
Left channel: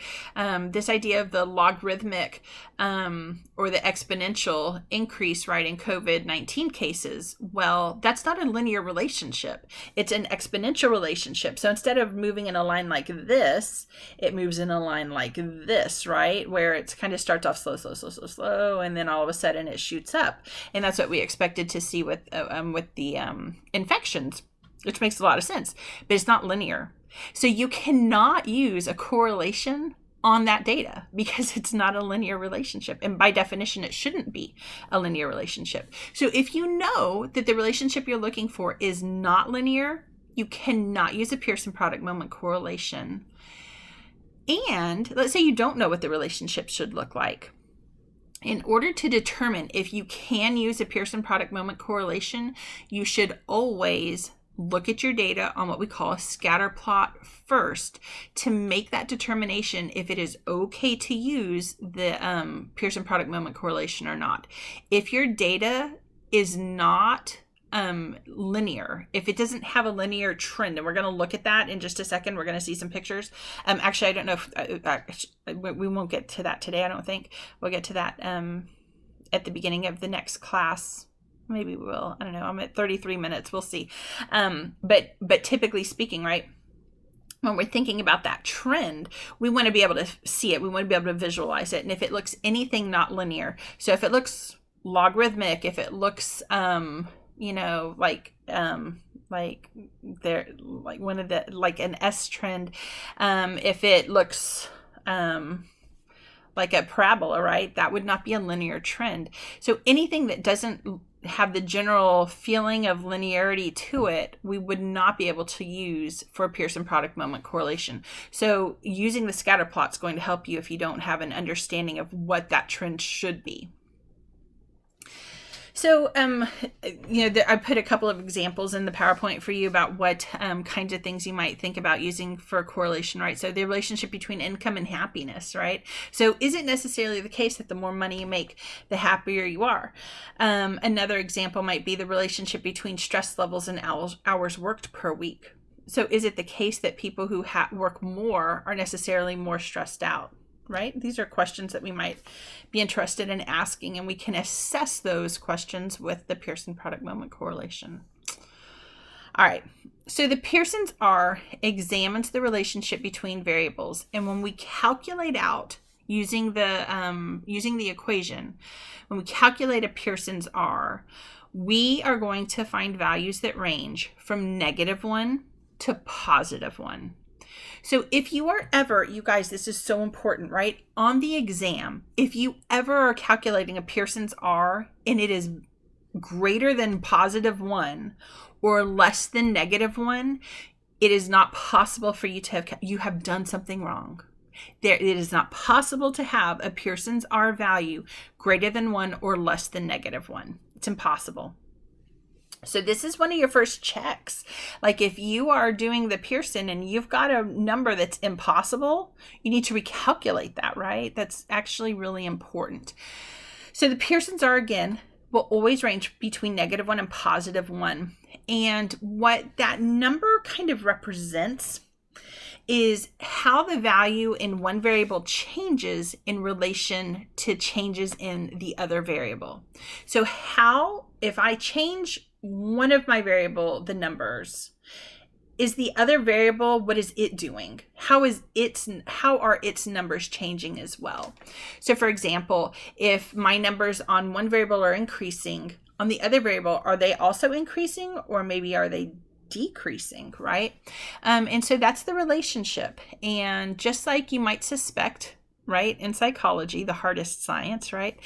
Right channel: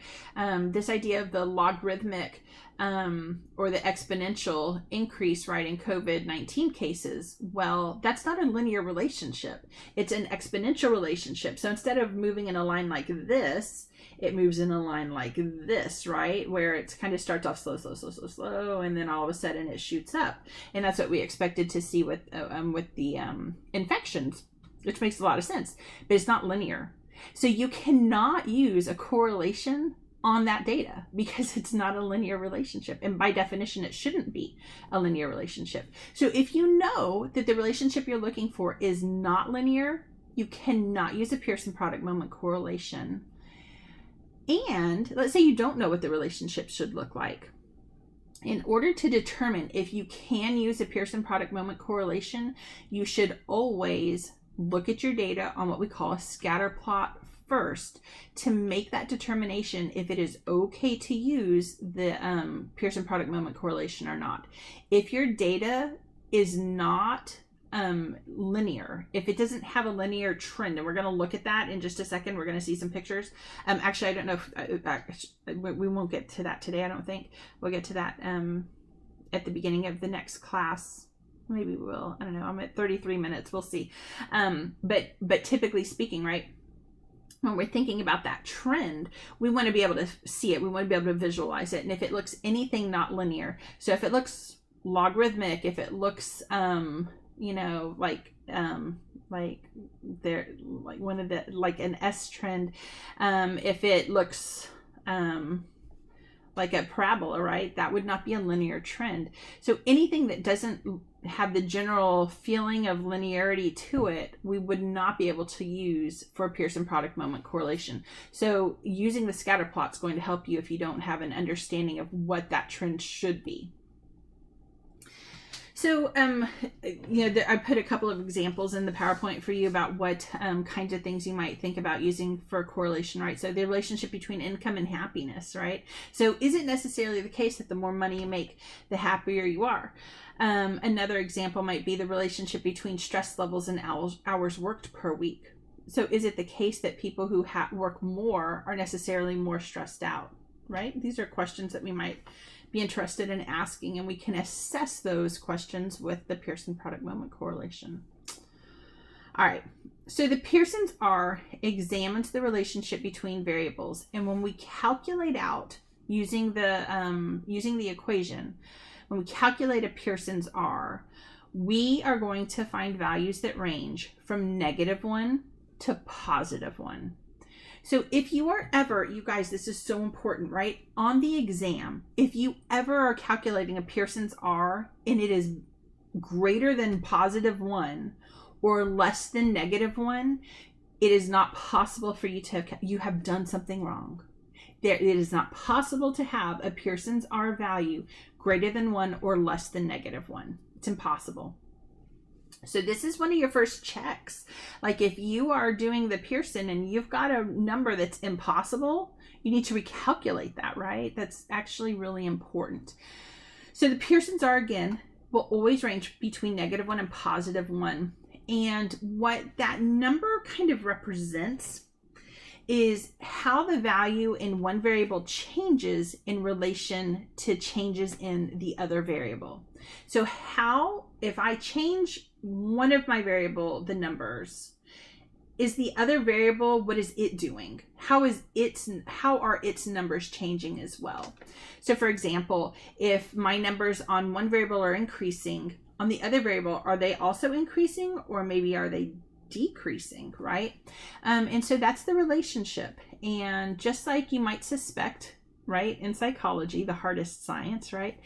this idea of the logarithmic or the exponential increase, right, in COVID-19 cases, well, that's not a linear relationship. It's an exponential relationship. So instead of moving in a line like this, it moves in a line like this, right, where it kind of starts off slow, and then all of a sudden it shoots up. And that's what we expected to see with the infections, which makes a lot of sense, but it's not linear. So you cannot use a correlation on that data because it's not a linear relationship. And by definition, it shouldn't be a linear relationship. So if you know that the relationship you're looking for is not linear, you cannot use a Pearson product moment correlation. And let's say you don't know what the relationship should look like. In order to determine if you can use a Pearson product moment correlation, you should always look at your data on what we call a scatter plot first to make that determination if it is okay to use the Pearson product moment correlation or not. If your data is not linear, if it doesn't have a linear trend, and we're going to look at that in just a second, we're going to see some pictures. Actually, I don't know if we won't get to that today. I don't think we'll get to that at the beginning of the next class. Maybe we will. I don't know. I'm at 33 minutes. We'll see. But typically speaking, right, when we're thinking about that trend, we want to be able to see it. We want to be able to visualize it. And if it looks anything not linear, so if it looks logarithmic, if it looks like there, like one of the, like an S trend, if it looks like a parabola, right, that would not be a linear trend. So anything that doesn't have the general feeling of linearity to it, we would not be able to use for a Pearson product moment correlation. So using the scatter plot is going to help you if you don't have an understanding of what that trend should be. So, I put a couple of examples in the PowerPoint for you about what kinds of things you might think about using for correlation, right? So the relationship between income and happiness, right? So is it necessarily the case that the more money you make, the happier you are? Another example might be the relationship between stress levels and hours worked per week. So is it the case that people who work more are necessarily more stressed out, right? These are questions that we might be interested in asking, and we can assess those questions with the Pearson product moment correlation. All right, so the Pearson's R examines the relationship between variables, and when we calculate out using the equation, when we calculate a Pearson's R, we are going to find values that range from -1 to +1. So if you are ever, you guys, this is so important, right? On the exam, if you ever are calculating a Pearson's R and it is greater than +1 or less than -1, it is not possible for you to you have done something wrong. It is not possible to have a Pearson's R value greater than 1 or less than -1. It's impossible. So this is one of your first checks. Like if you are doing the Pearson and you've got a number that's impossible, you need to recalculate that, right? That's actually really important. So the Pearson's R, again, will always range between -1 and +1. And what that number kind of represents is how the value in one variable changes in relation to changes in the other variable. So how, if I change one of my variable, the numbers, is the other variable, what is it doing? How are its numbers changing as well? So for example, if my numbers on one variable are increasing, on the other variable, are they also increasing, or maybe are they decreasing, right? And so that's the relationship. And just like you might suspect, right, in psychology, the hardest science, right,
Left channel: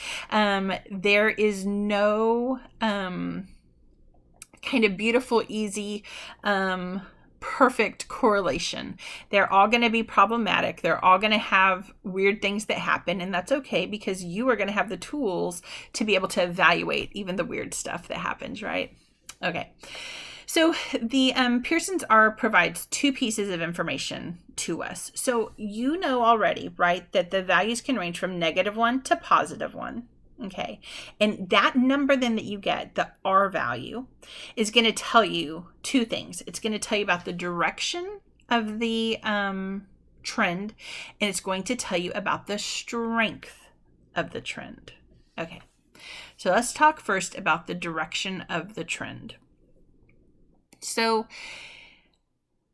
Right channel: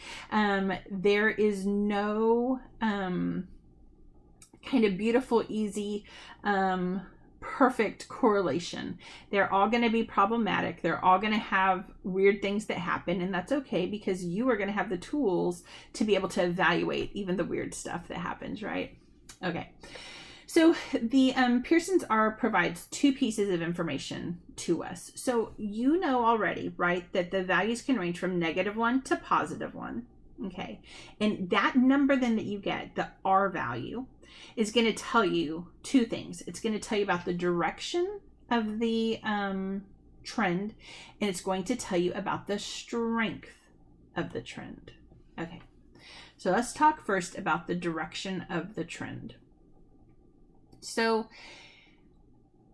there is no kind of beautiful, easy, perfect correlation. They're all going to be problematic. They're all going to have weird things that happen, and that's okay, because you are going to have the tools to be able to evaluate even the weird stuff that happens, right? Okay. So the Pearson's R provides two pieces of information to us. So you know already, right, that the values can range from -1 to +1. Okay. And that number then that you get, the R value, is going to tell you two things. It's going to tell you about the direction of the trend, and it's going to tell you about the strength of the trend. Okay. So let's talk first about the direction of the trend. So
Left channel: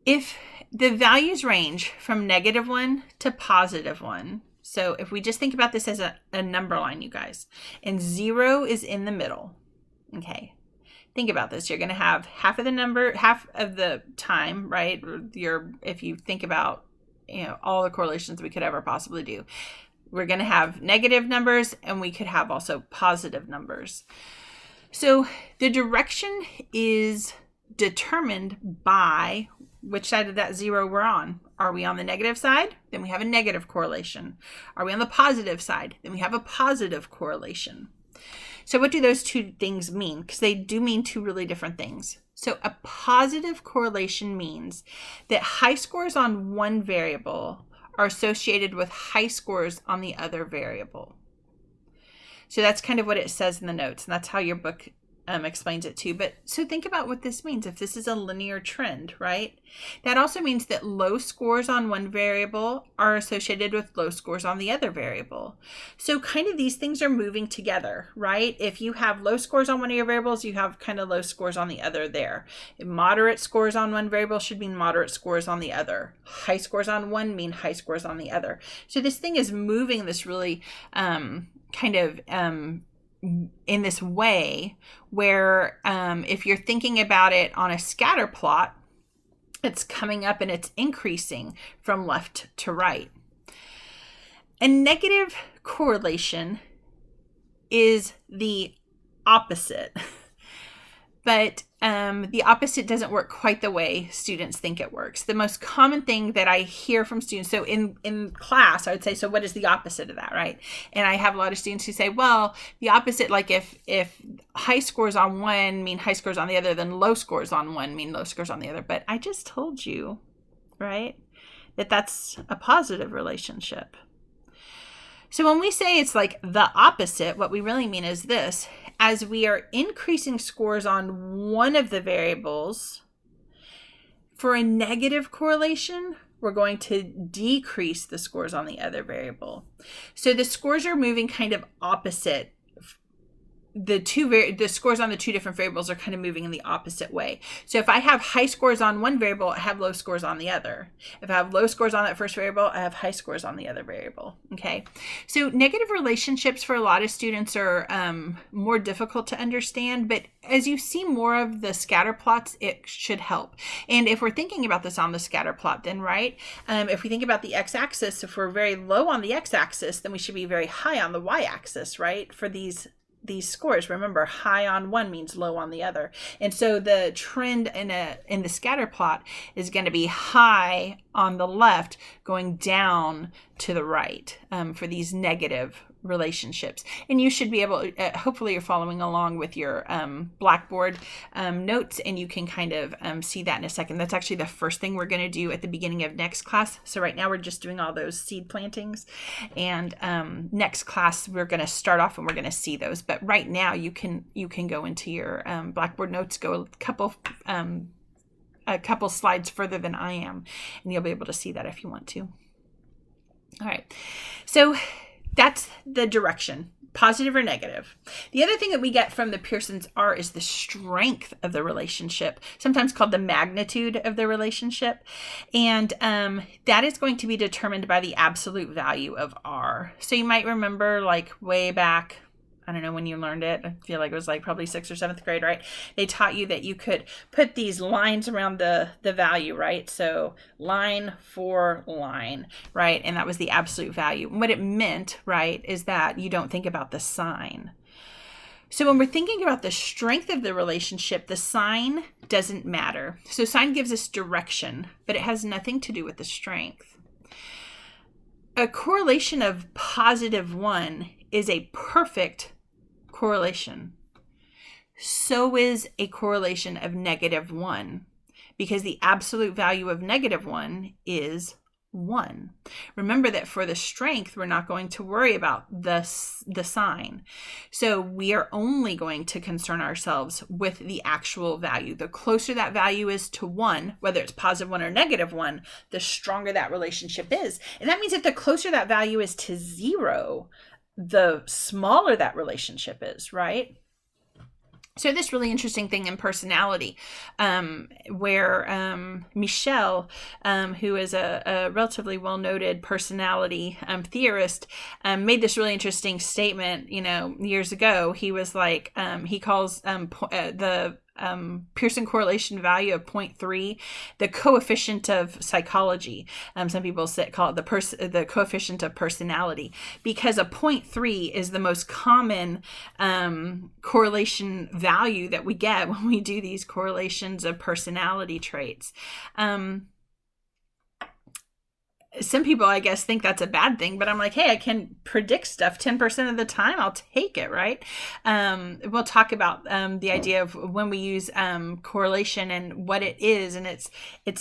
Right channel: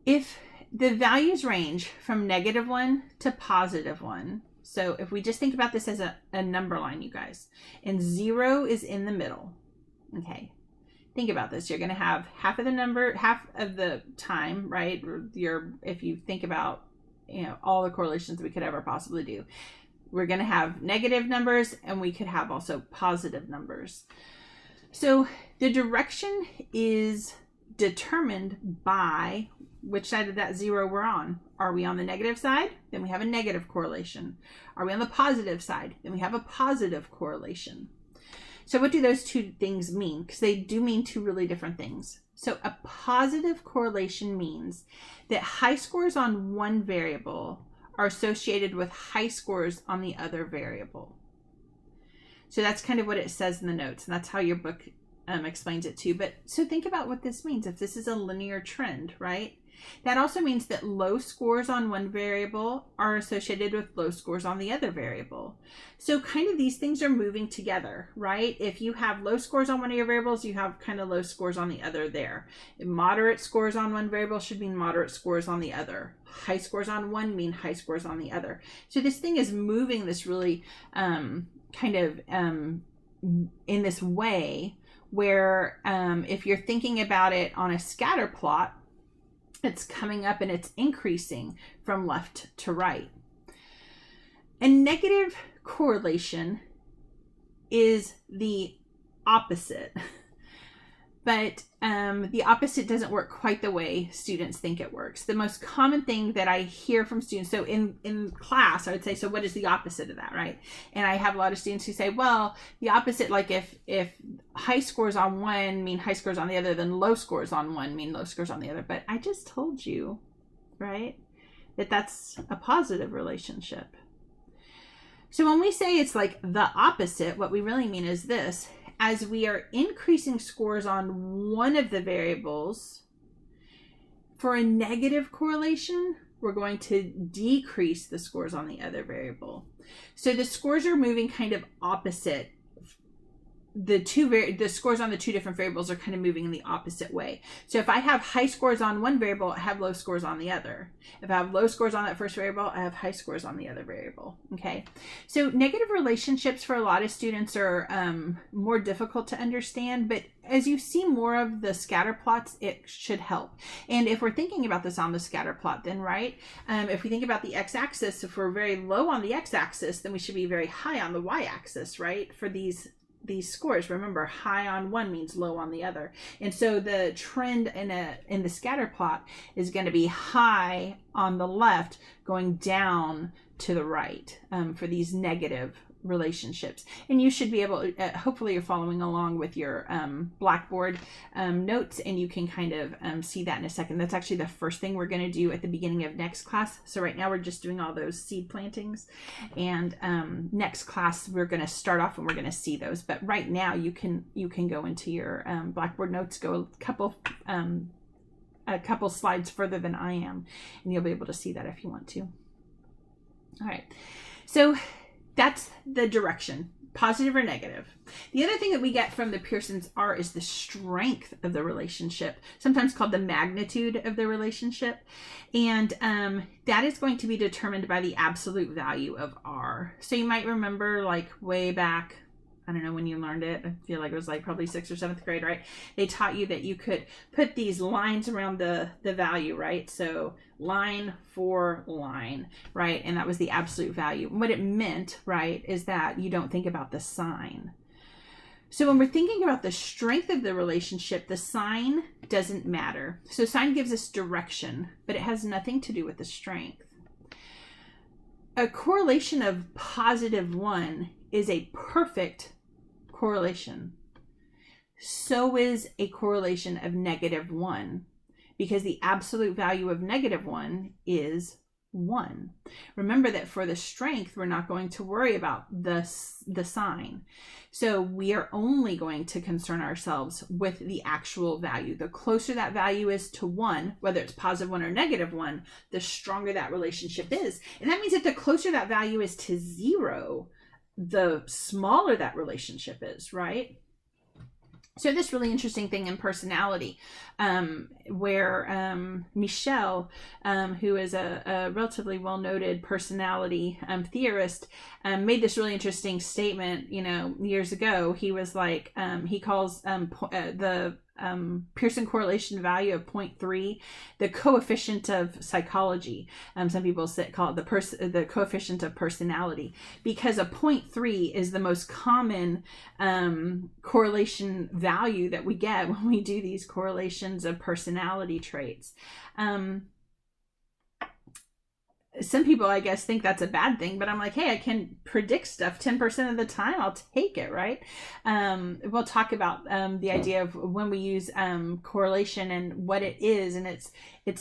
if the values range from -1 to +1, so if we just think about this as a number line, you guys, and 0 is in the middle, okay, think about this. You're going to have half of the time, right? If you think about, all the correlations we could ever possibly do, we're going to have negative numbers, and we could have also positive numbers. So the direction is determined by which side of that 0 we're on. Are we on the negative side? Then we have a negative correlation. Are we on the positive side? Then we have a positive correlation. So what do those two things mean? Because they do mean two really different things. So a positive correlation means that high scores on one variable are associated with high scores on the other variable. So that's kind of what it says in the notes, and that's how your book explains it too. But so think about what this means. If this is a linear trend, right? That also means that low scores on one variable are associated with low scores on the other variable. So kind of these things are moving together, right? If you have low scores on one of your variables, you have kind of low scores on the other there. Moderate scores on one variable should mean moderate scores on the other. High scores on one mean high scores on the other. So this thing is moving this really in this way where if you're thinking about it on a scatter plot, it's coming up and it's increasing from left to right. A negative correlation is the opposite. But the opposite doesn't work quite the way students think it works. The most common thing that I hear from students, so in class, I would say, so what is the opposite of that, right? And I have a lot of students who say, well, the opposite, like if high scores on one mean high scores on the other, then low scores on one mean low scores on the other. But I just told you, right, that that's a positive relationship. So when we say it's like the opposite, what we really mean is this: as we are increasing scores on one of the variables, for a negative correlation, we're going to decrease the scores on the other variable. So the scores are moving kind of opposite. The scores on the two different variables are kind of moving in the opposite way. So if I have high scores on one variable, I have low scores on the other. If I have low scores on that first variable, I have high scores on the other variable. Okay. So negative relationships for a lot of students are more difficult to understand, but as you see more of the scatter plots, it should help. And if we're thinking about this on the scatter plot, then right, if we think about the x-axis, if we're very low on the x-axis, then we should be very high on the y-axis, right? For these scores, remember, high on one means low on the other. And so the trend in the scatter plot is going to be high on the left, going down to the right for these negative relationships. And you should be able, hopefully you're following along with your Blackboard notes, and you can kind of see that in a second. That's actually the first thing we're going to do at the beginning of next class. So right now we're just doing all those seed plantings, and next class we're going to start off and we're going to see those. But right now you can go into your Blackboard notes, go a couple slides further than I am, and you'll be able to see that if you want to. All right, so that's the direction, positive or negative. The other thing that we get from the Pearson's R is the strength of the relationship, sometimes called the magnitude of the relationship. And that is going to be determined by the absolute value of R. So you might remember, like way back, I don't know when you learned it, I feel like it was like probably 6th or 7th grade, right? They taught you that you could put these lines around the value, right? So line for line, right? And that was the absolute value. And what it meant, right, is that you don't think about the sign. So when we're thinking about the strength of the relationship, the sign doesn't matter. So sign gives us direction, but it has nothing to do with the strength. A correlation of +1 is a perfect correlation. So is a correlation of -1, because the absolute value of -1 is 1. Remember that for the strength, we're not going to worry about the sign. So we are only going to concern ourselves with the actual value. The closer that value is to 1, whether it's +1 or -1, the stronger that relationship is. And that means that the closer that value is to 0, the smaller that relationship is, right? So this really interesting thing in personality, where Michel, who is a relatively well-noted personality theorist, made this really interesting statement, years ago. He was like, he calls the Pearson correlation value of 0.3 the coefficient of psychology. Some people call it the coefficient of personality, because a 0.3 is the most common correlation value that we get when we do these correlations of personality traits. Some people, I guess, think that's a bad thing, but I'm like, hey, I can predict stuff 10% of the time. I'll take it, right? We'll talk about the idea of when we use correlation and what it is, and it's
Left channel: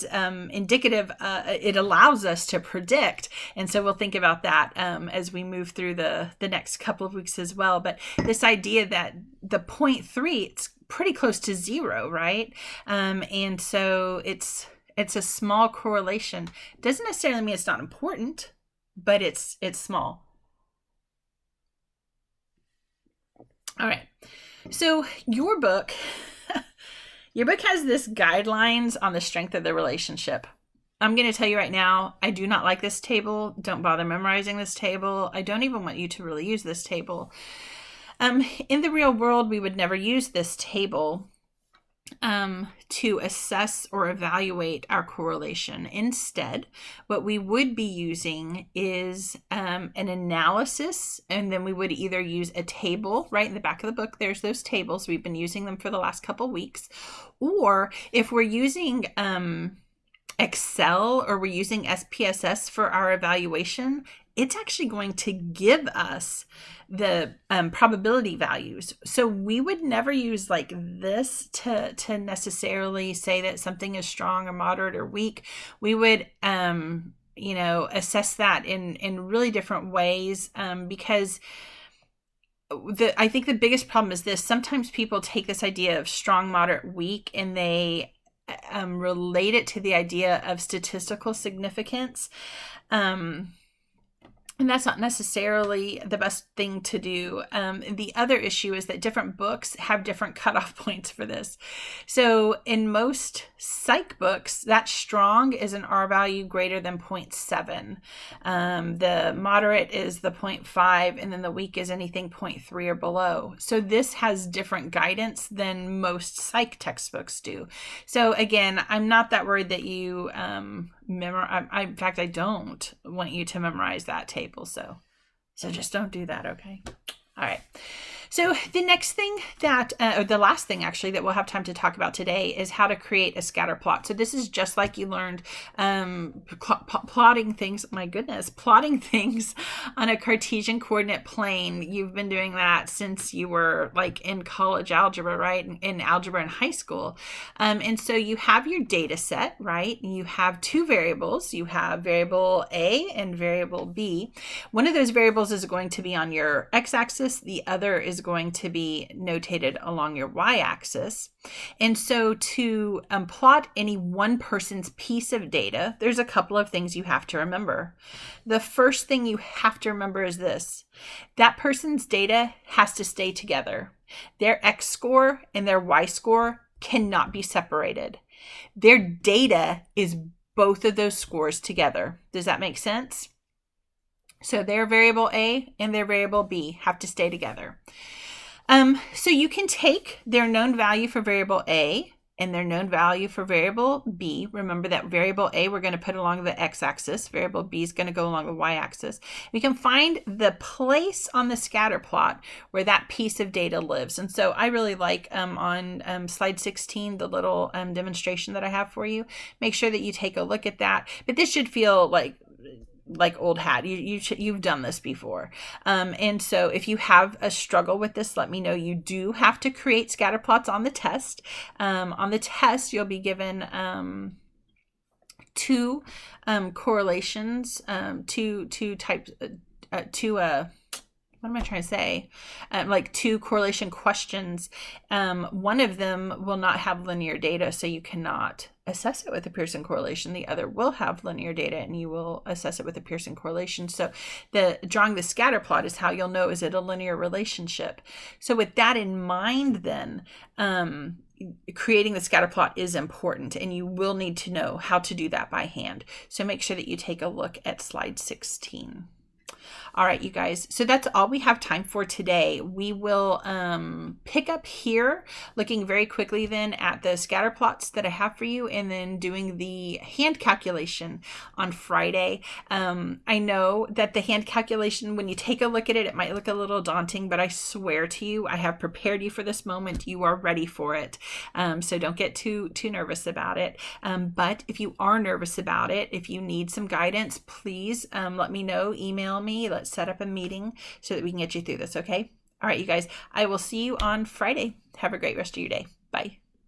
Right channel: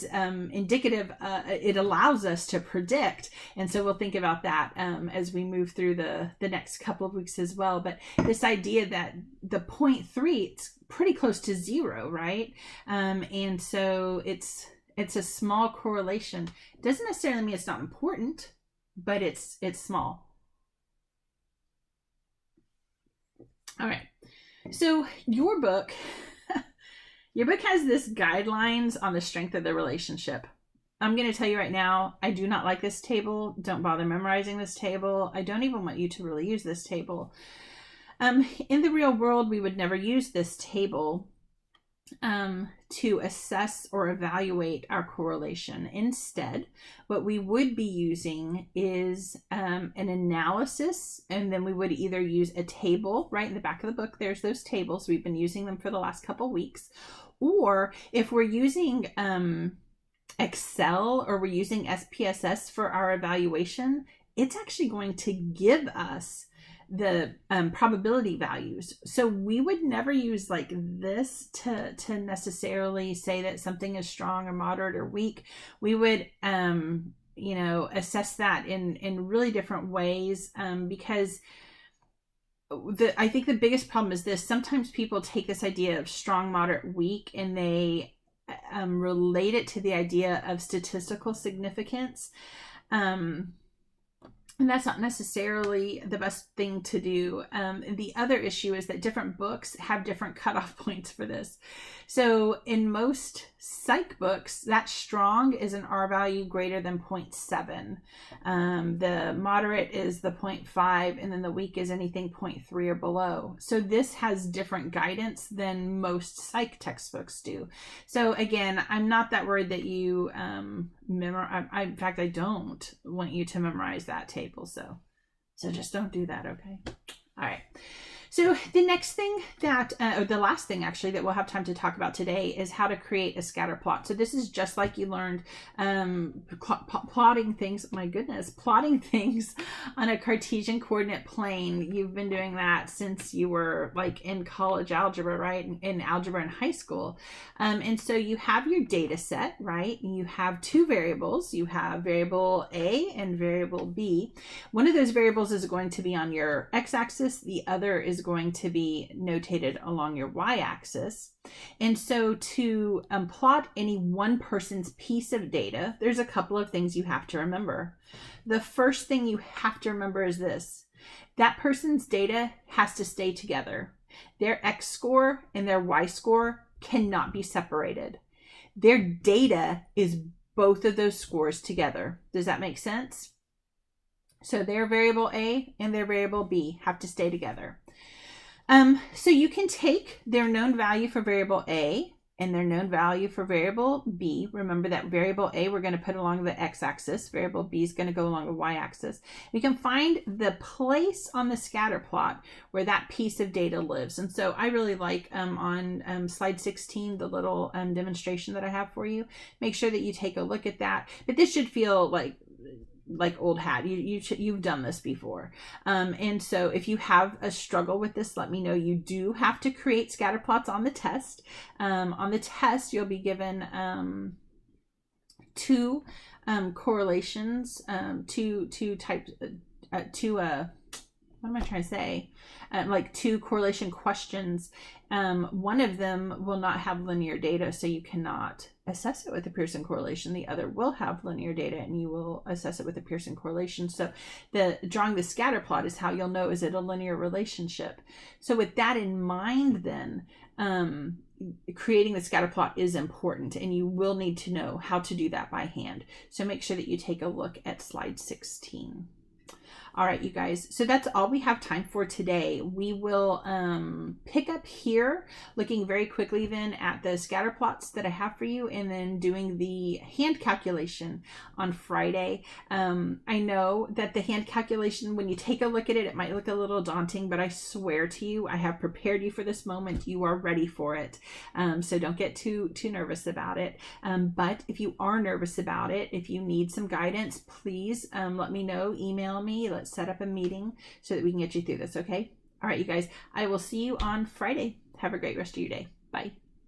indicative. It allows us to predict, and so we'll think about that as we move through the next couple of weeks as well. But this idea that the 0.3, it's pretty close to 0, right? And so it's a small correlation. Doesn't necessarily mean it's not important, but it's small. All right. So your book has this guidelines on the strength of the relationship. I'm going to tell you right now, I do not like this table. Don't bother memorizing this table. I don't even want you to really use this table. In the real world, we would never use this table. to assess or evaluate our correlation. Instead, what we would be using is an analysis, and then we would either use a table right in the back of the book. There's those tables. We've been using them for the last couple weeks. Or if we're using Excel or we're using SPSS for our evaluation, it's actually going to give us the probability values. So we would never use like this to necessarily say that something is strong or moderate or weak. We would assess that in really different ways, because I think the biggest problem is this. Sometimes people take this idea of strong, moderate, weak, and they relate it to the idea of statistical significance. And that's not necessarily the best thing to do. The other issue is that different books have different cutoff points for this. So in most psych books, that strong is an R value greater than 0.7. The moderate is the 0.5, and then the weak is anything 0.3 or below. So this has different guidance than most psych textbooks do. So again, I'm not that worried that you memorize. In fact, I don't want you to memorize that table. So just don't do that. Okay. All right. So the next thing that, or the last thing actually that we'll have time to talk about today is how to create a scatter plot. So this is just like you learned plotting things, plotting things on a Cartesian coordinate plane. You've been doing that since you were like in college algebra, right? In algebra in high school. And so you have your data set, right? You have two variables. You have variable A and variable B. One of those variables is going to be on your x-axis. The other is going to be notated along your y-axis. And so to plot any one person's piece of data, there's a couple of things you have to remember. The first thing you have to remember is this: that person's data has to stay together. Their x score and their y score cannot be separated. Their data is both of those scores together. Does that make sense? So their variable A and their variable B have to stay together. So you can take their known value for variable A and their known value for variable B. Remember that variable A we're going to put along the x-axis. Variable B is going to go along the y-axis. We can find the place on the scatter plot where that piece of data lives. And so I really like on slide 16, the little demonstration that I have for you. Make sure that you take a look at that. But this should feel like old hat. You've done this before. And so if you have a struggle with this, let me know. You do have to create scatter plots on the test. On the test, you'll be given two correlations, two types, what am I trying to say? Like two correlation questions. One of them will not have linear data, so you cannot assess it with a Pearson correlation. The other will have linear data, and you will assess it with a Pearson correlation. So drawing the scatter plot is how you'll know, is it a linear relationship? So with that in mind, then creating the scatter plot is important, and you will need to know how to do that by hand. So make sure that you take a look at slide 16. All right, you guys. So that's all we have time for today. We will pick up here, looking very quickly then at the scatter plots that I have for you, and then doing the hand calculation on Friday. I know that the hand calculation, when you take a look at it, it might look a little daunting, but I swear to you, I have prepared you for this moment. You are ready for it. So don't get too nervous about it. But if you are nervous about it, if you need some guidance, please let me know. Email me. Let's set up a meeting so that we can get you through this, okay? All right, you guys, I will see you on Friday. Have a great rest of your day. Bye.